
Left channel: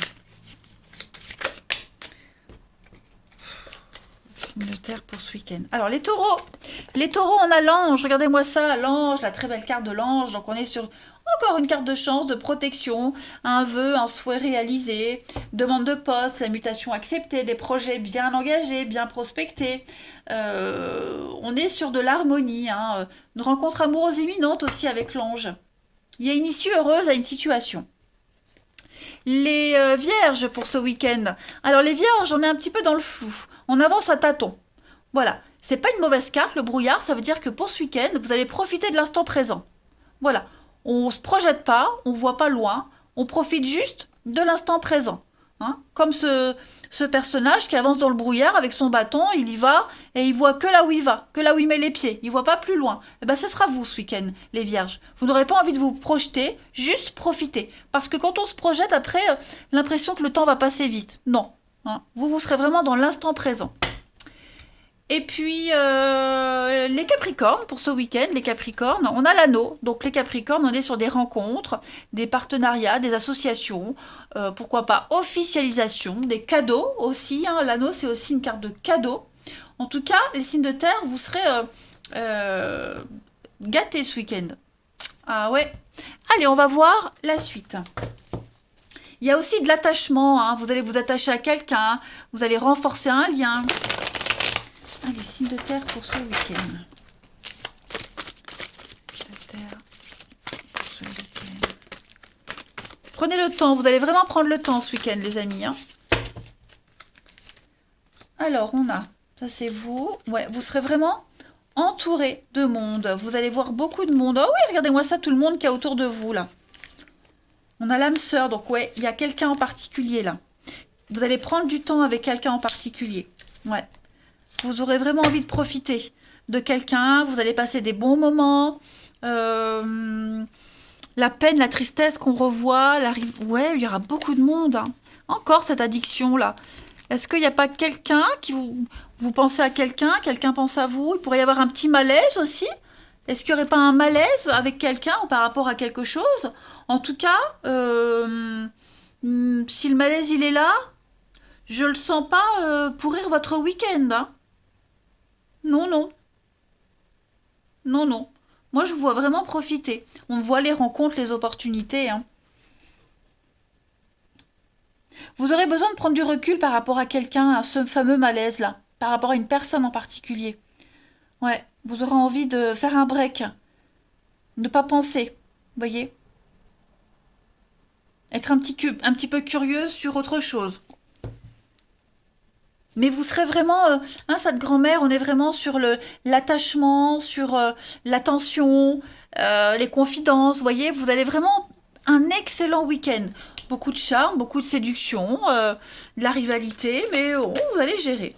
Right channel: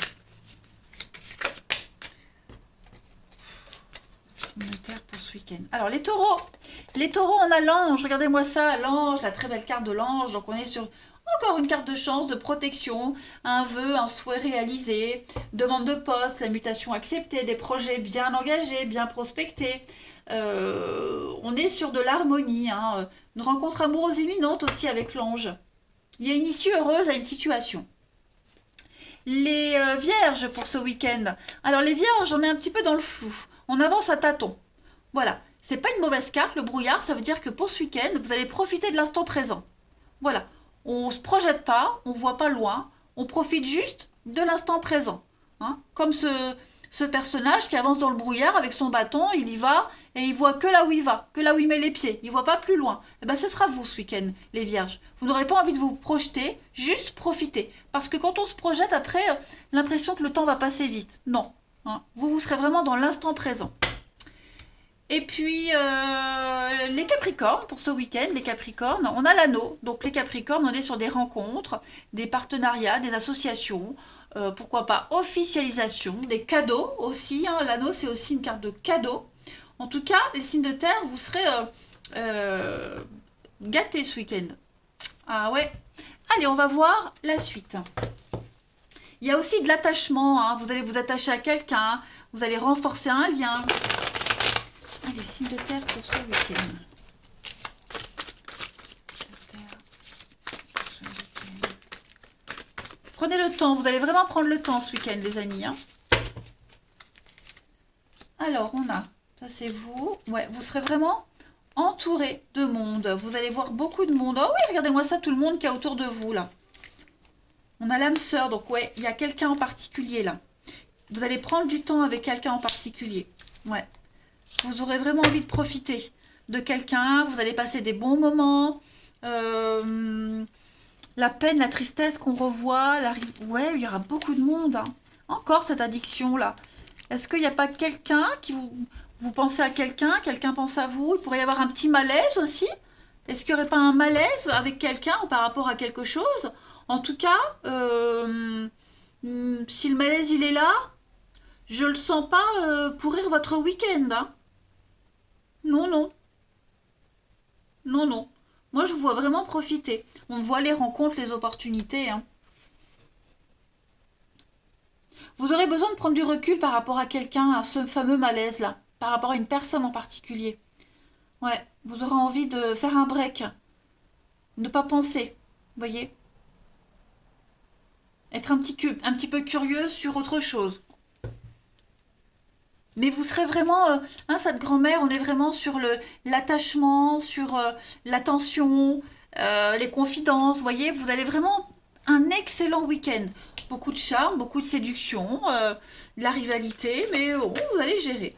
Signe de terre pour ce week-end. Alors, les taureaux. Les taureaux, on a l'ange. Regardez-moi ça, l'ange, la très belle carte de l'ange. Donc, on est sur encore une carte de chance, de protection, un vœu, un souhait réalisé, demande de poste, la mutation acceptée, des projets bien engagés, bien prospectés. On est sur de l'harmonie, hein. Une rencontre amoureuse imminente aussi avec l'ange. Il y a une issue heureuse à une situation. Les vierges pour ce week-end. Alors les vierges, on est un petit peu dans le flou. On avance à tâtons. Voilà. C'est pas une mauvaise carte, le brouillard. Ça veut dire que pour ce week-end, vous allez profiter de l'instant présent. Voilà. On ne se projette pas, on ne voit pas loin. On profite juste de l'instant présent. Hein. Comme ce personnage qui avance dans le brouillard avec son bâton, il y va et il voit que là où il va, que là où il met les pieds. Il ne voit pas plus loin. Et ben, ce sera vous ce week-end, les vierges. Vous n'aurez pas envie de vous projeter, juste profiter. Parce que quand on se projette, après, l'impression que le temps va passer vite. Non. Hein. Vous serez vraiment dans l'instant présent. Et puis, les Capricornes, pour ce week-end, les Capricornes, on a l'anneau. Donc, les Capricornes, on est sur des rencontres, des partenariats, des associations, pourquoi pas officialisation, des cadeaux aussi. Hein. L'anneau, c'est aussi une carte de cadeau. En tout cas, les signes de terre, vous serez gâtés ce week-end. Ah ouais. Allez, on va voir la suite. Il y a aussi de l'attachement. Hein. Vous allez vous attacher à quelqu'un, vous allez renforcer un lien. Les signes de terre pour ce week-end. Prenez le temps, vous allez vraiment prendre le temps ce week-end, les amis. Hein. Alors, on a, ça c'est vous. Ouais, vous serez vraiment entouré de monde. Vous allez voir beaucoup de monde. Oh oui, regardez-moi ça, tout le monde qui est autour de vous, là. On a l'âme sœur, donc ouais, il y a quelqu'un en particulier, là. Vous allez prendre du temps avec quelqu'un en particulier. Ouais. Vous aurez vraiment envie de profiter de quelqu'un. Vous allez passer des bons moments. La peine, la tristesse qu'on revoit. Ouais, il y aura beaucoup de monde. Hein. Encore cette addiction-là. Est-ce qu'il n'y a pas quelqu'un qui vous pensez à quelqu'un, quelqu'un pense à vous? Il pourrait y avoir un petit malaise aussi. Est-ce qu'il n'y aurait pas un malaise avec quelqu'un ou par rapport à quelque chose? En tout cas, si le malaise il est là, je le sens pas pourrir votre week-end. Hein. Non, non. Non, non. Moi, je vous vois vraiment profiter. On voit les rencontres, les opportunités. Hein. Vous aurez besoin de prendre du recul par rapport à quelqu'un, à ce fameux malaise-là, par rapport à une personne en particulier. Ouais, vous aurez envie de faire un break. Ne pas penser, voyez. Être un petit peu curieux sur autre chose. Mais vous serez vraiment, hein, cette grand-mère, on est vraiment sur l'attachement, sur l'attention, les confidences, vous voyez, vous allez vraiment un excellent week-end. Beaucoup de charme, beaucoup de séduction, de la rivalité, mais vous allez gérer.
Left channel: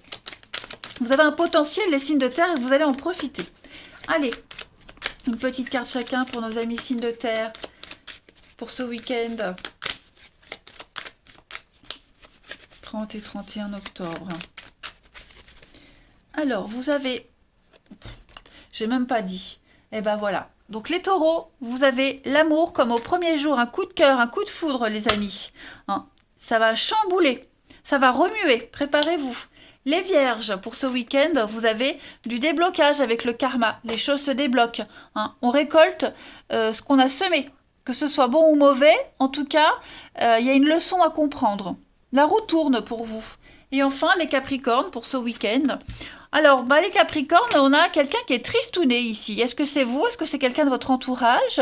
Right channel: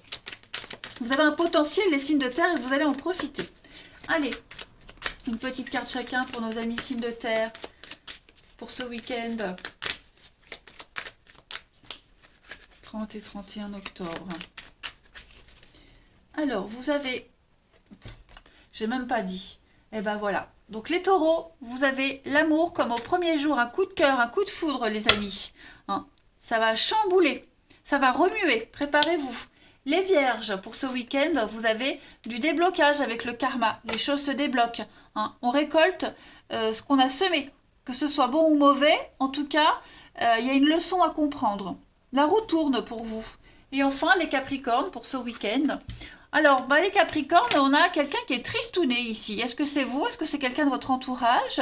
Vous avez un potentiel, les signes de terre, et vous allez en profiter. Allez, une petite carte chacun pour nos amis signes de terre, pour ce week-end. 30 et 31 octobre. Alors, vous avez... J'ai même pas dit. Eh ben voilà. Donc les taureaux, vous avez l'amour comme au premier jour, un coup de cœur, un coup de foudre, les amis. Hein, ça va chambouler, ça va remuer. Préparez-vous. Les vierges, pour ce week-end, vous avez du déblocage avec le karma. Les choses se débloquent. Hein. On récolte ce qu'on a semé. Que ce soit bon ou mauvais, en tout cas, il y a une leçon à comprendre. La roue tourne pour vous. Et enfin, les Capricornes pour ce week-end. Alors, les Capricornes, on a quelqu'un qui est tristouné ici. Est-ce que c'est vous? Est-ce que c'est quelqu'un de votre entourage?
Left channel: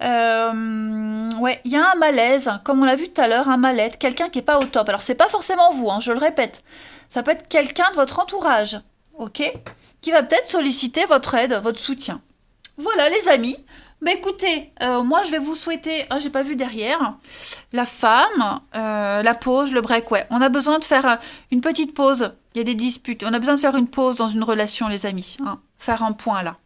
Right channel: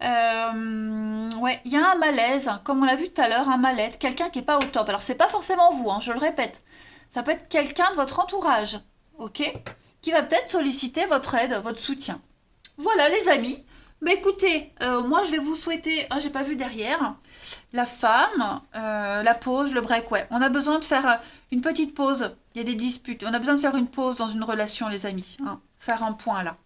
Ouais, il y a un malaise, comme on l'a vu tout à l'heure, un mal-être, quelqu'un qui n'est pas au top. Alors, c'est pas forcément vous, hein, je le répète. Ça peut être quelqu'un de votre entourage, ok? Qui va peut-être solliciter votre aide, votre soutien. Voilà, les amis. Mais écoutez, moi je vais vous souhaiter, j'ai pas vu derrière, la femme, la pause, le break, ouais. On a besoin de faire une petite pause, il y a des disputes, on a besoin de faire une pause dans une relation, les amis. Hein. Faire un point là.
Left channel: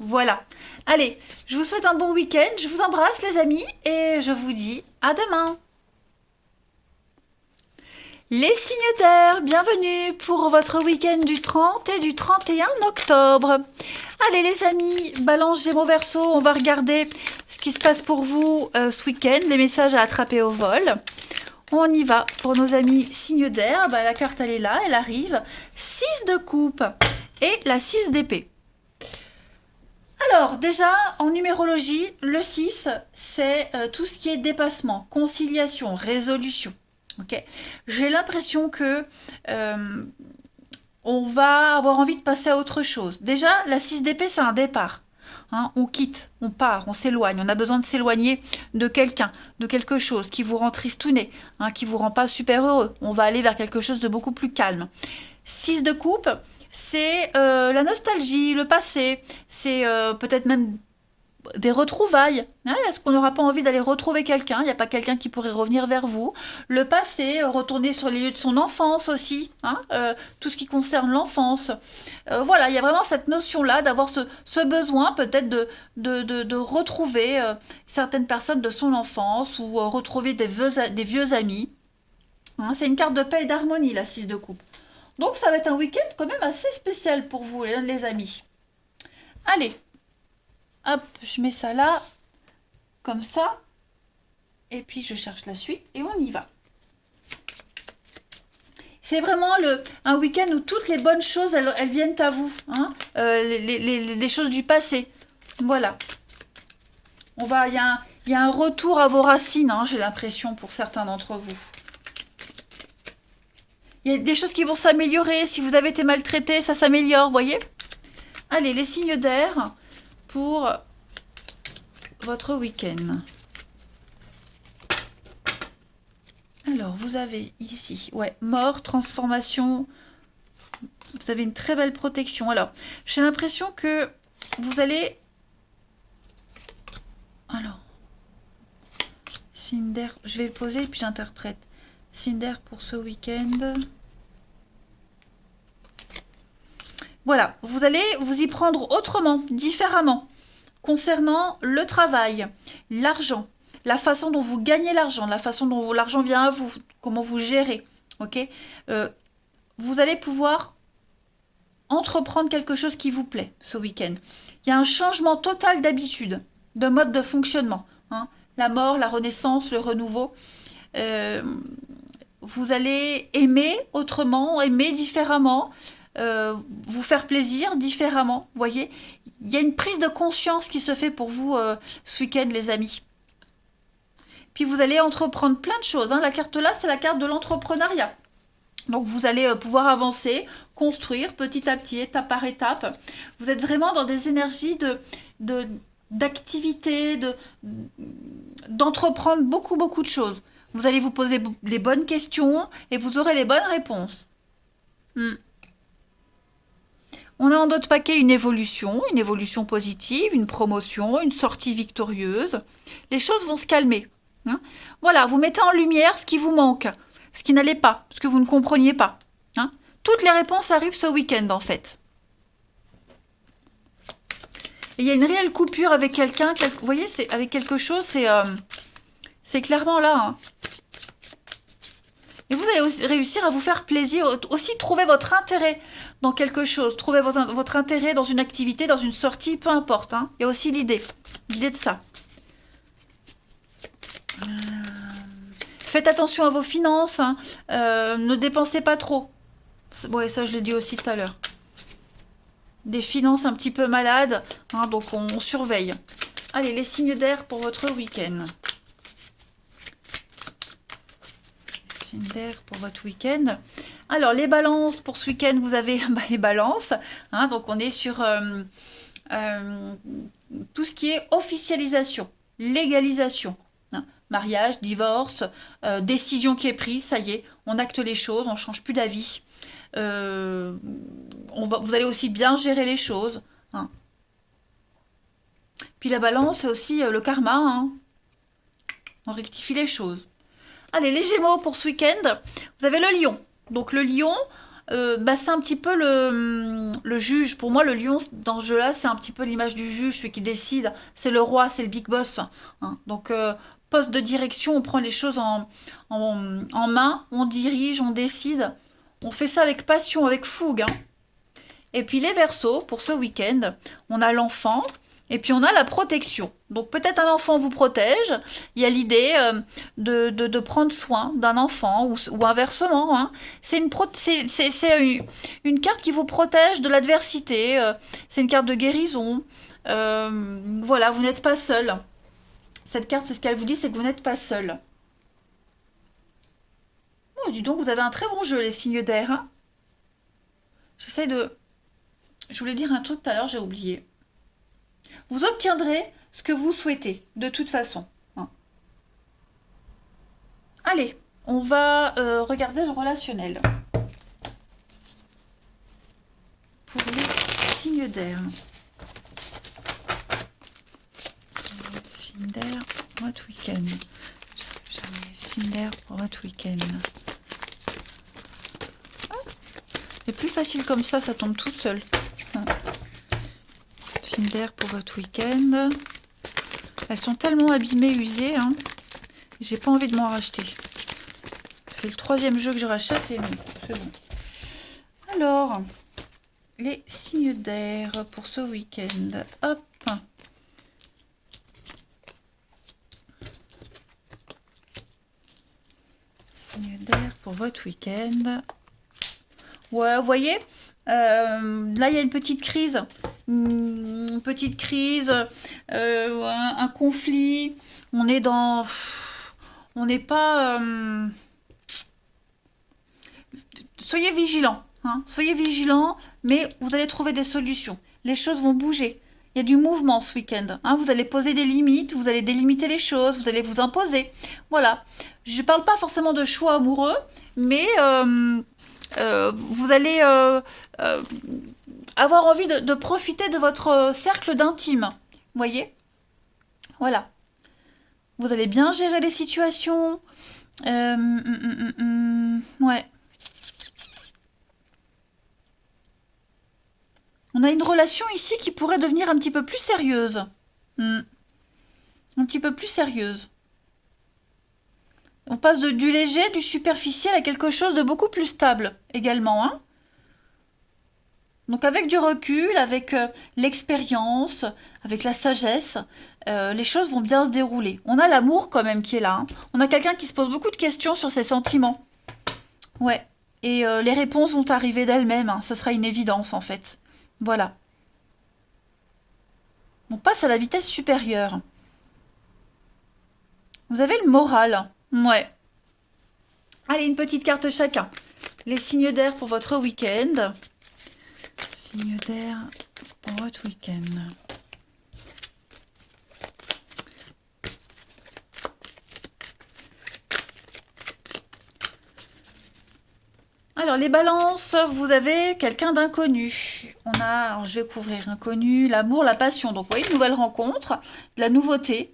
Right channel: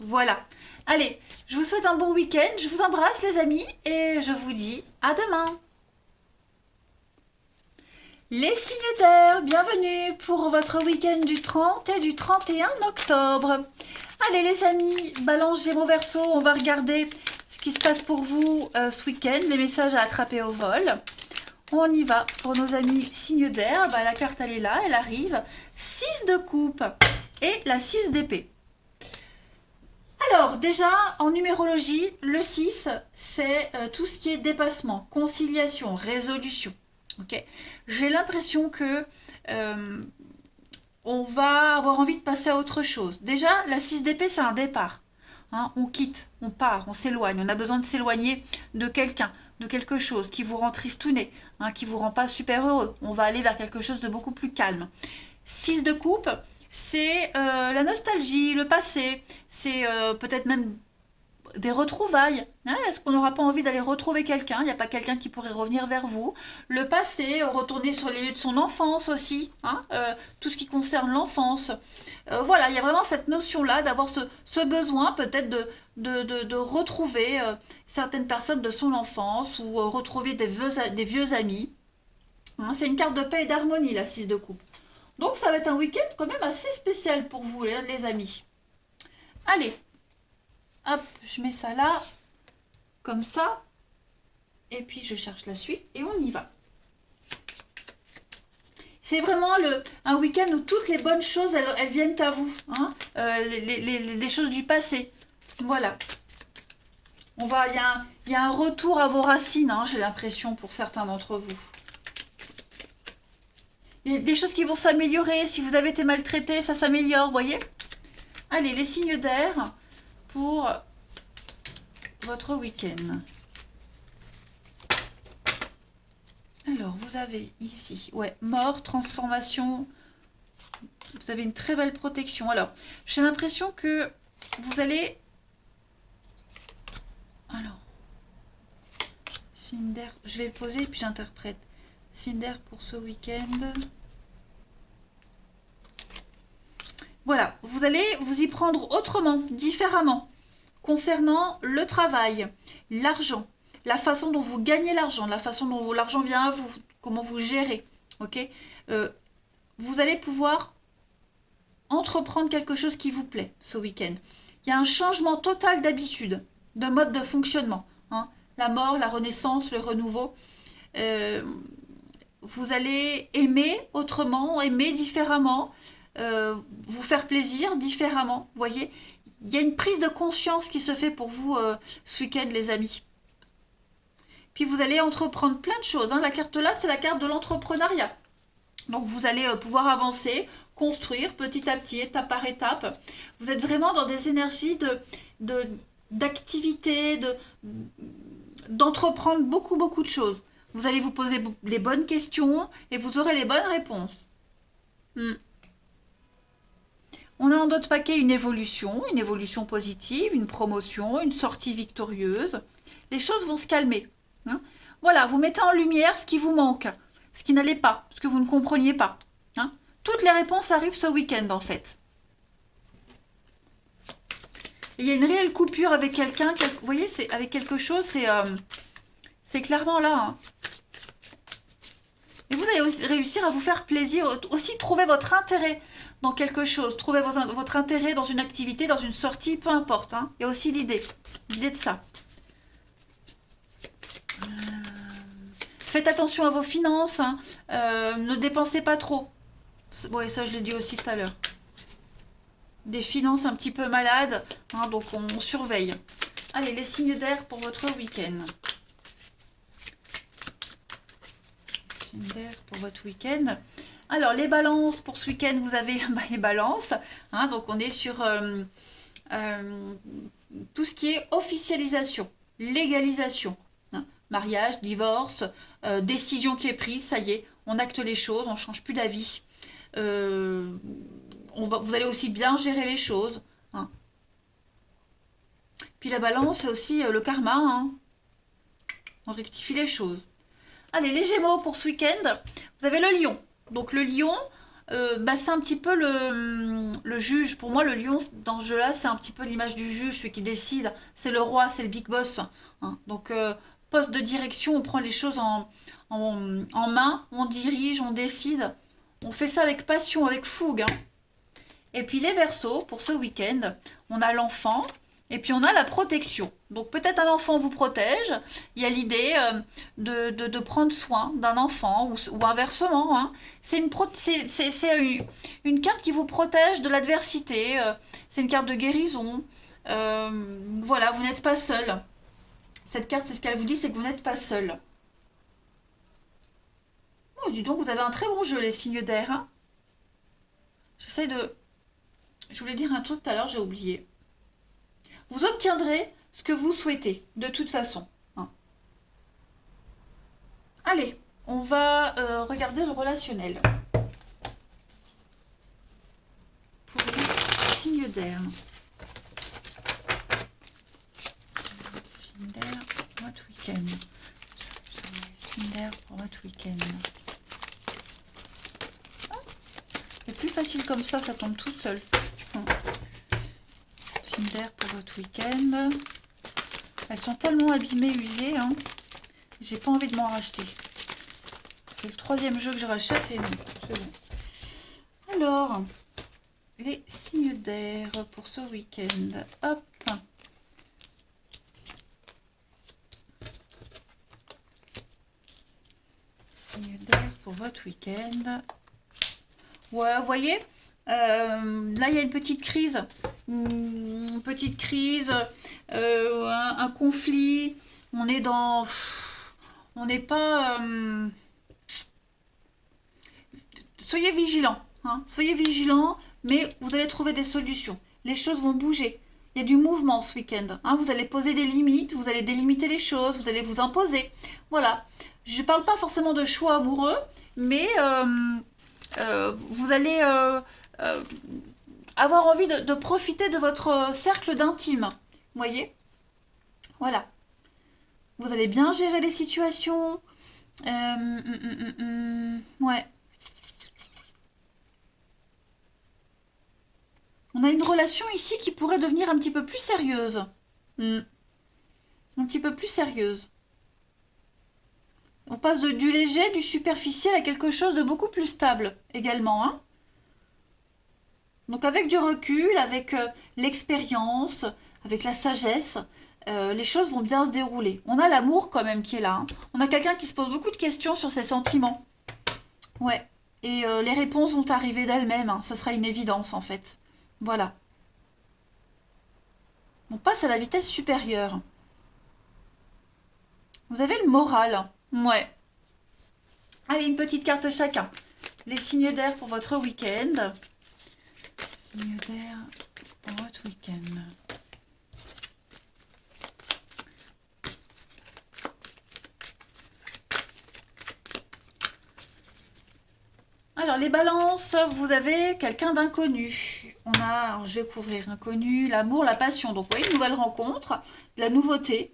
Voilà. Allez, je vous souhaite un bon week-end, je vous embrasse les amis, et je vous dis à demain. Les signataires, bienvenue pour votre week-end du 30 et du 31 octobre. Allez les amis, Balance, Gémeaux, Verseau, on va regarder ce qui se passe pour vous ce week-end, les messages à attraper au vol. On y va pour nos amis signes d'air. La carte elle est là, elle arrive. 6 de coupe et la 6 d'épée. Alors déjà en numérologie, le 6 c'est tout ce qui est dépassement, conciliation, résolution. Ok, j'ai l'impression que on va avoir envie de passer à autre chose. Déjà, la 6 d'épée, c'est un départ. Hein, on quitte, on part, on s'éloigne. On a besoin de s'éloigner de quelqu'un, de quelque chose qui vous rend tristouné, hein, qui vous rend pas super heureux. On va aller vers quelque chose de beaucoup plus calme. 6 de coupe, c'est la nostalgie, le passé. C'est peut-être même des retrouvailles. Hein, est-ce qu'on n'aura pas envie d'aller retrouver quelqu'un? Il n'y a pas quelqu'un qui pourrait revenir vers vous. Le passé, retourner sur les lieux de son enfance aussi. Hein, tout ce qui concerne l'enfance. Voilà, il y a vraiment cette notion-là d'avoir ce besoin peut-être de retrouver certaines personnes de son enfance ou retrouver des vieux amis. Hein, c'est une carte de paix et d'harmonie, la 6 de coupe. Donc ça va être un week-end quand même assez spécial pour vous, les amis. Allez, hop, je mets ça là, comme ça. Et puis je cherche la suite et on y va. C'est vraiment un week-end où toutes les bonnes choses, elles viennent à vous. Hein, les choses du passé. Voilà. Il y a un retour à vos racines, hein, j'ai l'impression, pour certains d'entre vous. Il y a des choses qui vont s'améliorer. Si vous avez été maltraité, ça s'améliore, vous voyez? Allez, les signes d'air pour votre week-end. Alors, vous avez ici, ouais, mort, transformation. Vous avez une très belle protection. Alors, j'ai l'impression que vous allez... Alors, signe d'air, je vais le poser et puis j'interprète. Signe d'air pour ce week-end. Voilà, vous allez vous y prendre autrement, différemment, concernant le travail, l'argent, la façon dont vous gagnez l'argent, la façon dont l'argent vient à vous, comment vous gérez, ok? Vous allez pouvoir entreprendre quelque chose qui vous plaît ce week-end. Il y a un changement total d'habitude, de mode de fonctionnement. Hein, la mort, la renaissance, le renouveau. Vous allez aimer autrement, aimer différemment, vous faire plaisir différemment. Vous voyez, il y a une prise de conscience qui se fait pour vous ce week-end, les amis. Puis vous allez entreprendre plein de choses. Hein. La carte là, c'est la carte de l'entrepreneuriat. Donc vous allez pouvoir avancer, construire petit à petit, étape par étape. Vous êtes vraiment dans des énergies d'activité, d'entreprendre beaucoup de choses. Vous allez vous poser les bonnes questions et vous aurez les bonnes réponses. On a en d'autres paquets une évolution positive, une promotion, une sortie victorieuse. Les choses vont se calmer. Hein. Voilà, vous mettez en lumière ce qui vous manque, ce qui n'allait pas, ce que vous ne compreniez pas. Hein. Toutes les réponses arrivent ce week-end en fait. Et il y a une réelle coupure avec quelqu'un, vous voyez, c'est avec quelque chose, c'est clairement là. Hein. Et vous allez aussi réussir à vous faire plaisir, aussi trouver votre intérêt dans quelque chose, trouver votre intérêt dans une activité, dans une sortie, peu importe. Hein. Il y a aussi l'idée de ça. Faites attention à vos finances, hein. Ne dépensez pas trop. Ouais, ça je l'ai dit aussi tout à l'heure. Des finances un petit peu malades, hein, donc on surveille. Allez, les signes d'air pour votre week-end. Signes d'air pour votre week-end. Alors, les balances, pour ce week-end, vous avez les balances. Hein, donc, on est sur tout ce qui est officialisation, légalisation. Hein, mariage, divorce, décision qui est prise, ça y est, on acte les choses, on ne change plus d'avis. Vous allez aussi bien gérer les choses. Hein. Puis la balance, c'est aussi le karma. Hein. On rectifie les choses. Allez, les Gémeaux pour ce week-end, vous avez le lion. Donc le lion, c'est un petit peu le juge. Pour moi, le lion, dans ce jeu-là, c'est un petit peu l'image du juge, celui qui décide. C'est le roi, c'est le big boss. Hein. Donc poste de direction, on prend les choses en main, on dirige, on décide. On fait ça avec passion, avec fougue, hein. Et puis les Verseaux, pour ce week-end, on a l'enfant et puis on a la protection. Donc peut-être un enfant vous protège. Il y a l'idée de prendre soin d'un enfant ou inversement, hein. C'est une carte qui vous protège de l'adversité. C'est une carte de guérison. Voilà, vous n'êtes pas seul. Cette carte, c'est ce qu'elle vous dit, c'est que vous n'êtes pas seul. Oh, dis donc, vous avez un très bon jeu, les signes d'air, hein. J'essaie de... Je voulais dire un truc tout à l'heure, j'ai oublié. Vous obtiendrez ce que vous souhaitez, de toute façon, hein. Allez, on va regarder le relationnel. Pour les signes d'air. Signes d'air pour votre week-end. Signes d'air pour votre week-end. C'est plus facile comme ça tombe tout seul. Signes d'air pour votre week-end. Elles sont tellement abîmées, usées, hein. J'ai pas envie de m'en racheter. C'est le 3e jeu que je rachète et non, c'est bon. Alors, les signes d'air pour ce week-end. Hop. Signes d'air pour votre week-end. Ouais, vous voyez, là il y a une petite crise. Une petite crise, un conflit. On est dans... On n'est pas... Soyez vigilants, hein. Soyez vigilants, mais vous allez trouver des solutions. Les choses vont bouger. Il y a du mouvement ce week-end, hein. Vous allez poser des limites, vous allez délimiter les choses, vous allez vous imposer. Voilà. Je ne parle pas forcément de choix amoureux, mais vous allez avoir envie de profiter de votre cercle d'intime. Vous voyez? Voilà. Vous allez bien gérer les situations. Ouais. On a une relation ici qui pourrait devenir un petit peu plus sérieuse. Un petit peu plus sérieuse. On passe du léger, du superficiel à quelque chose de beaucoup plus stable également, hein. Donc avec du recul, avec l'expérience, avec la sagesse, les choses vont bien se dérouler. On a l'amour quand même qui est là, hein. On a quelqu'un qui se pose beaucoup de questions sur ses sentiments. Ouais. Et les réponses vont arriver d'elles-mêmes, hein. Ce sera une évidence en fait. Voilà. On passe à la vitesse supérieure. Vous avez le moral. Ouais. Allez, une petite carte chacun. Les signes d'air pour votre week-end. Signes d'air pour votre week-end. Alors, les balances, vous avez quelqu'un d'inconnu. On a, alors, je vais couvrir inconnu, l'amour, la passion. Donc, vous voyez, une nouvelle rencontre, de la nouveauté.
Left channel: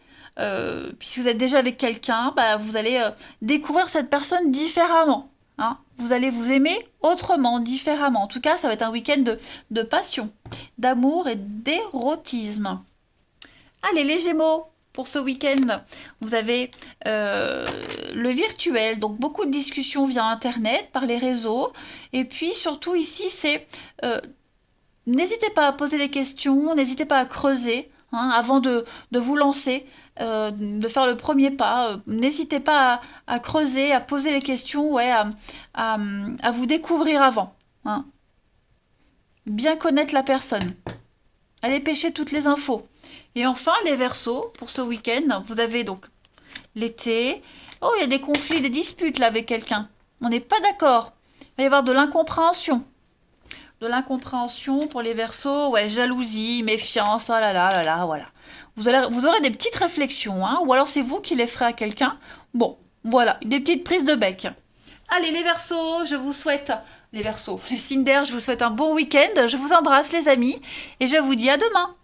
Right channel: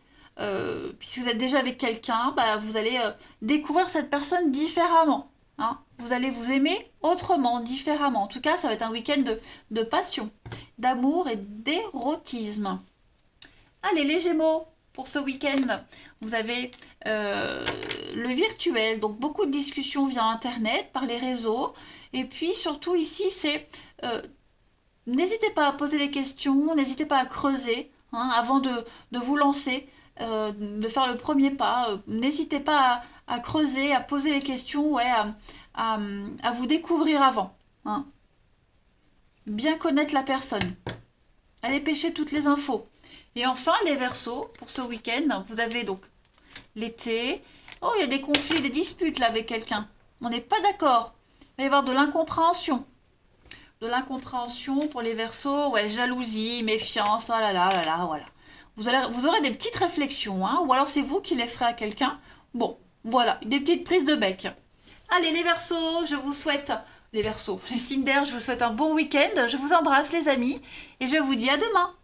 Puisque vous êtes déjà avec quelqu'un, bah, vous allez découvrir cette personne différemment, hein. Vous allez vous aimer autrement, différemment. En tout cas, ça va être un week-end de passion, d'amour et d'érotisme. Allez, les Gémeaux, pour ce week-end, vous avez le virtuel, donc beaucoup de discussions via Internet, par les réseaux. Et puis, surtout ici, c'est... n'hésitez pas à poser des questions, n'hésitez pas à creuser, hein, avant de vous lancer. De faire le premier pas. N'hésitez pas à creuser, à poser les questions, ouais, à vous découvrir avant, hein. Bien connaître la personne. Allez pêcher toutes les infos. Et enfin, les Verseaux, pour ce week-end, vous avez donc l'été. Oh, il y a des conflits, des disputes là avec quelqu'un. On n'est pas d'accord. Il va y avoir de l'incompréhension. De l'incompréhension pour les Verseaux, ouais, jalousie, méfiance, oh là là, voilà. Vous aurez des petites réflexions, hein, ou alors c'est vous qui les ferez à quelqu'un. Bon, voilà, des petites prises de bec. Allez, les Verseaux, je vous souhaite, les Verseaux, les signes d'air, je vous souhaite un bon week-end. Je vous embrasse, les amis, et je vous dis à demain.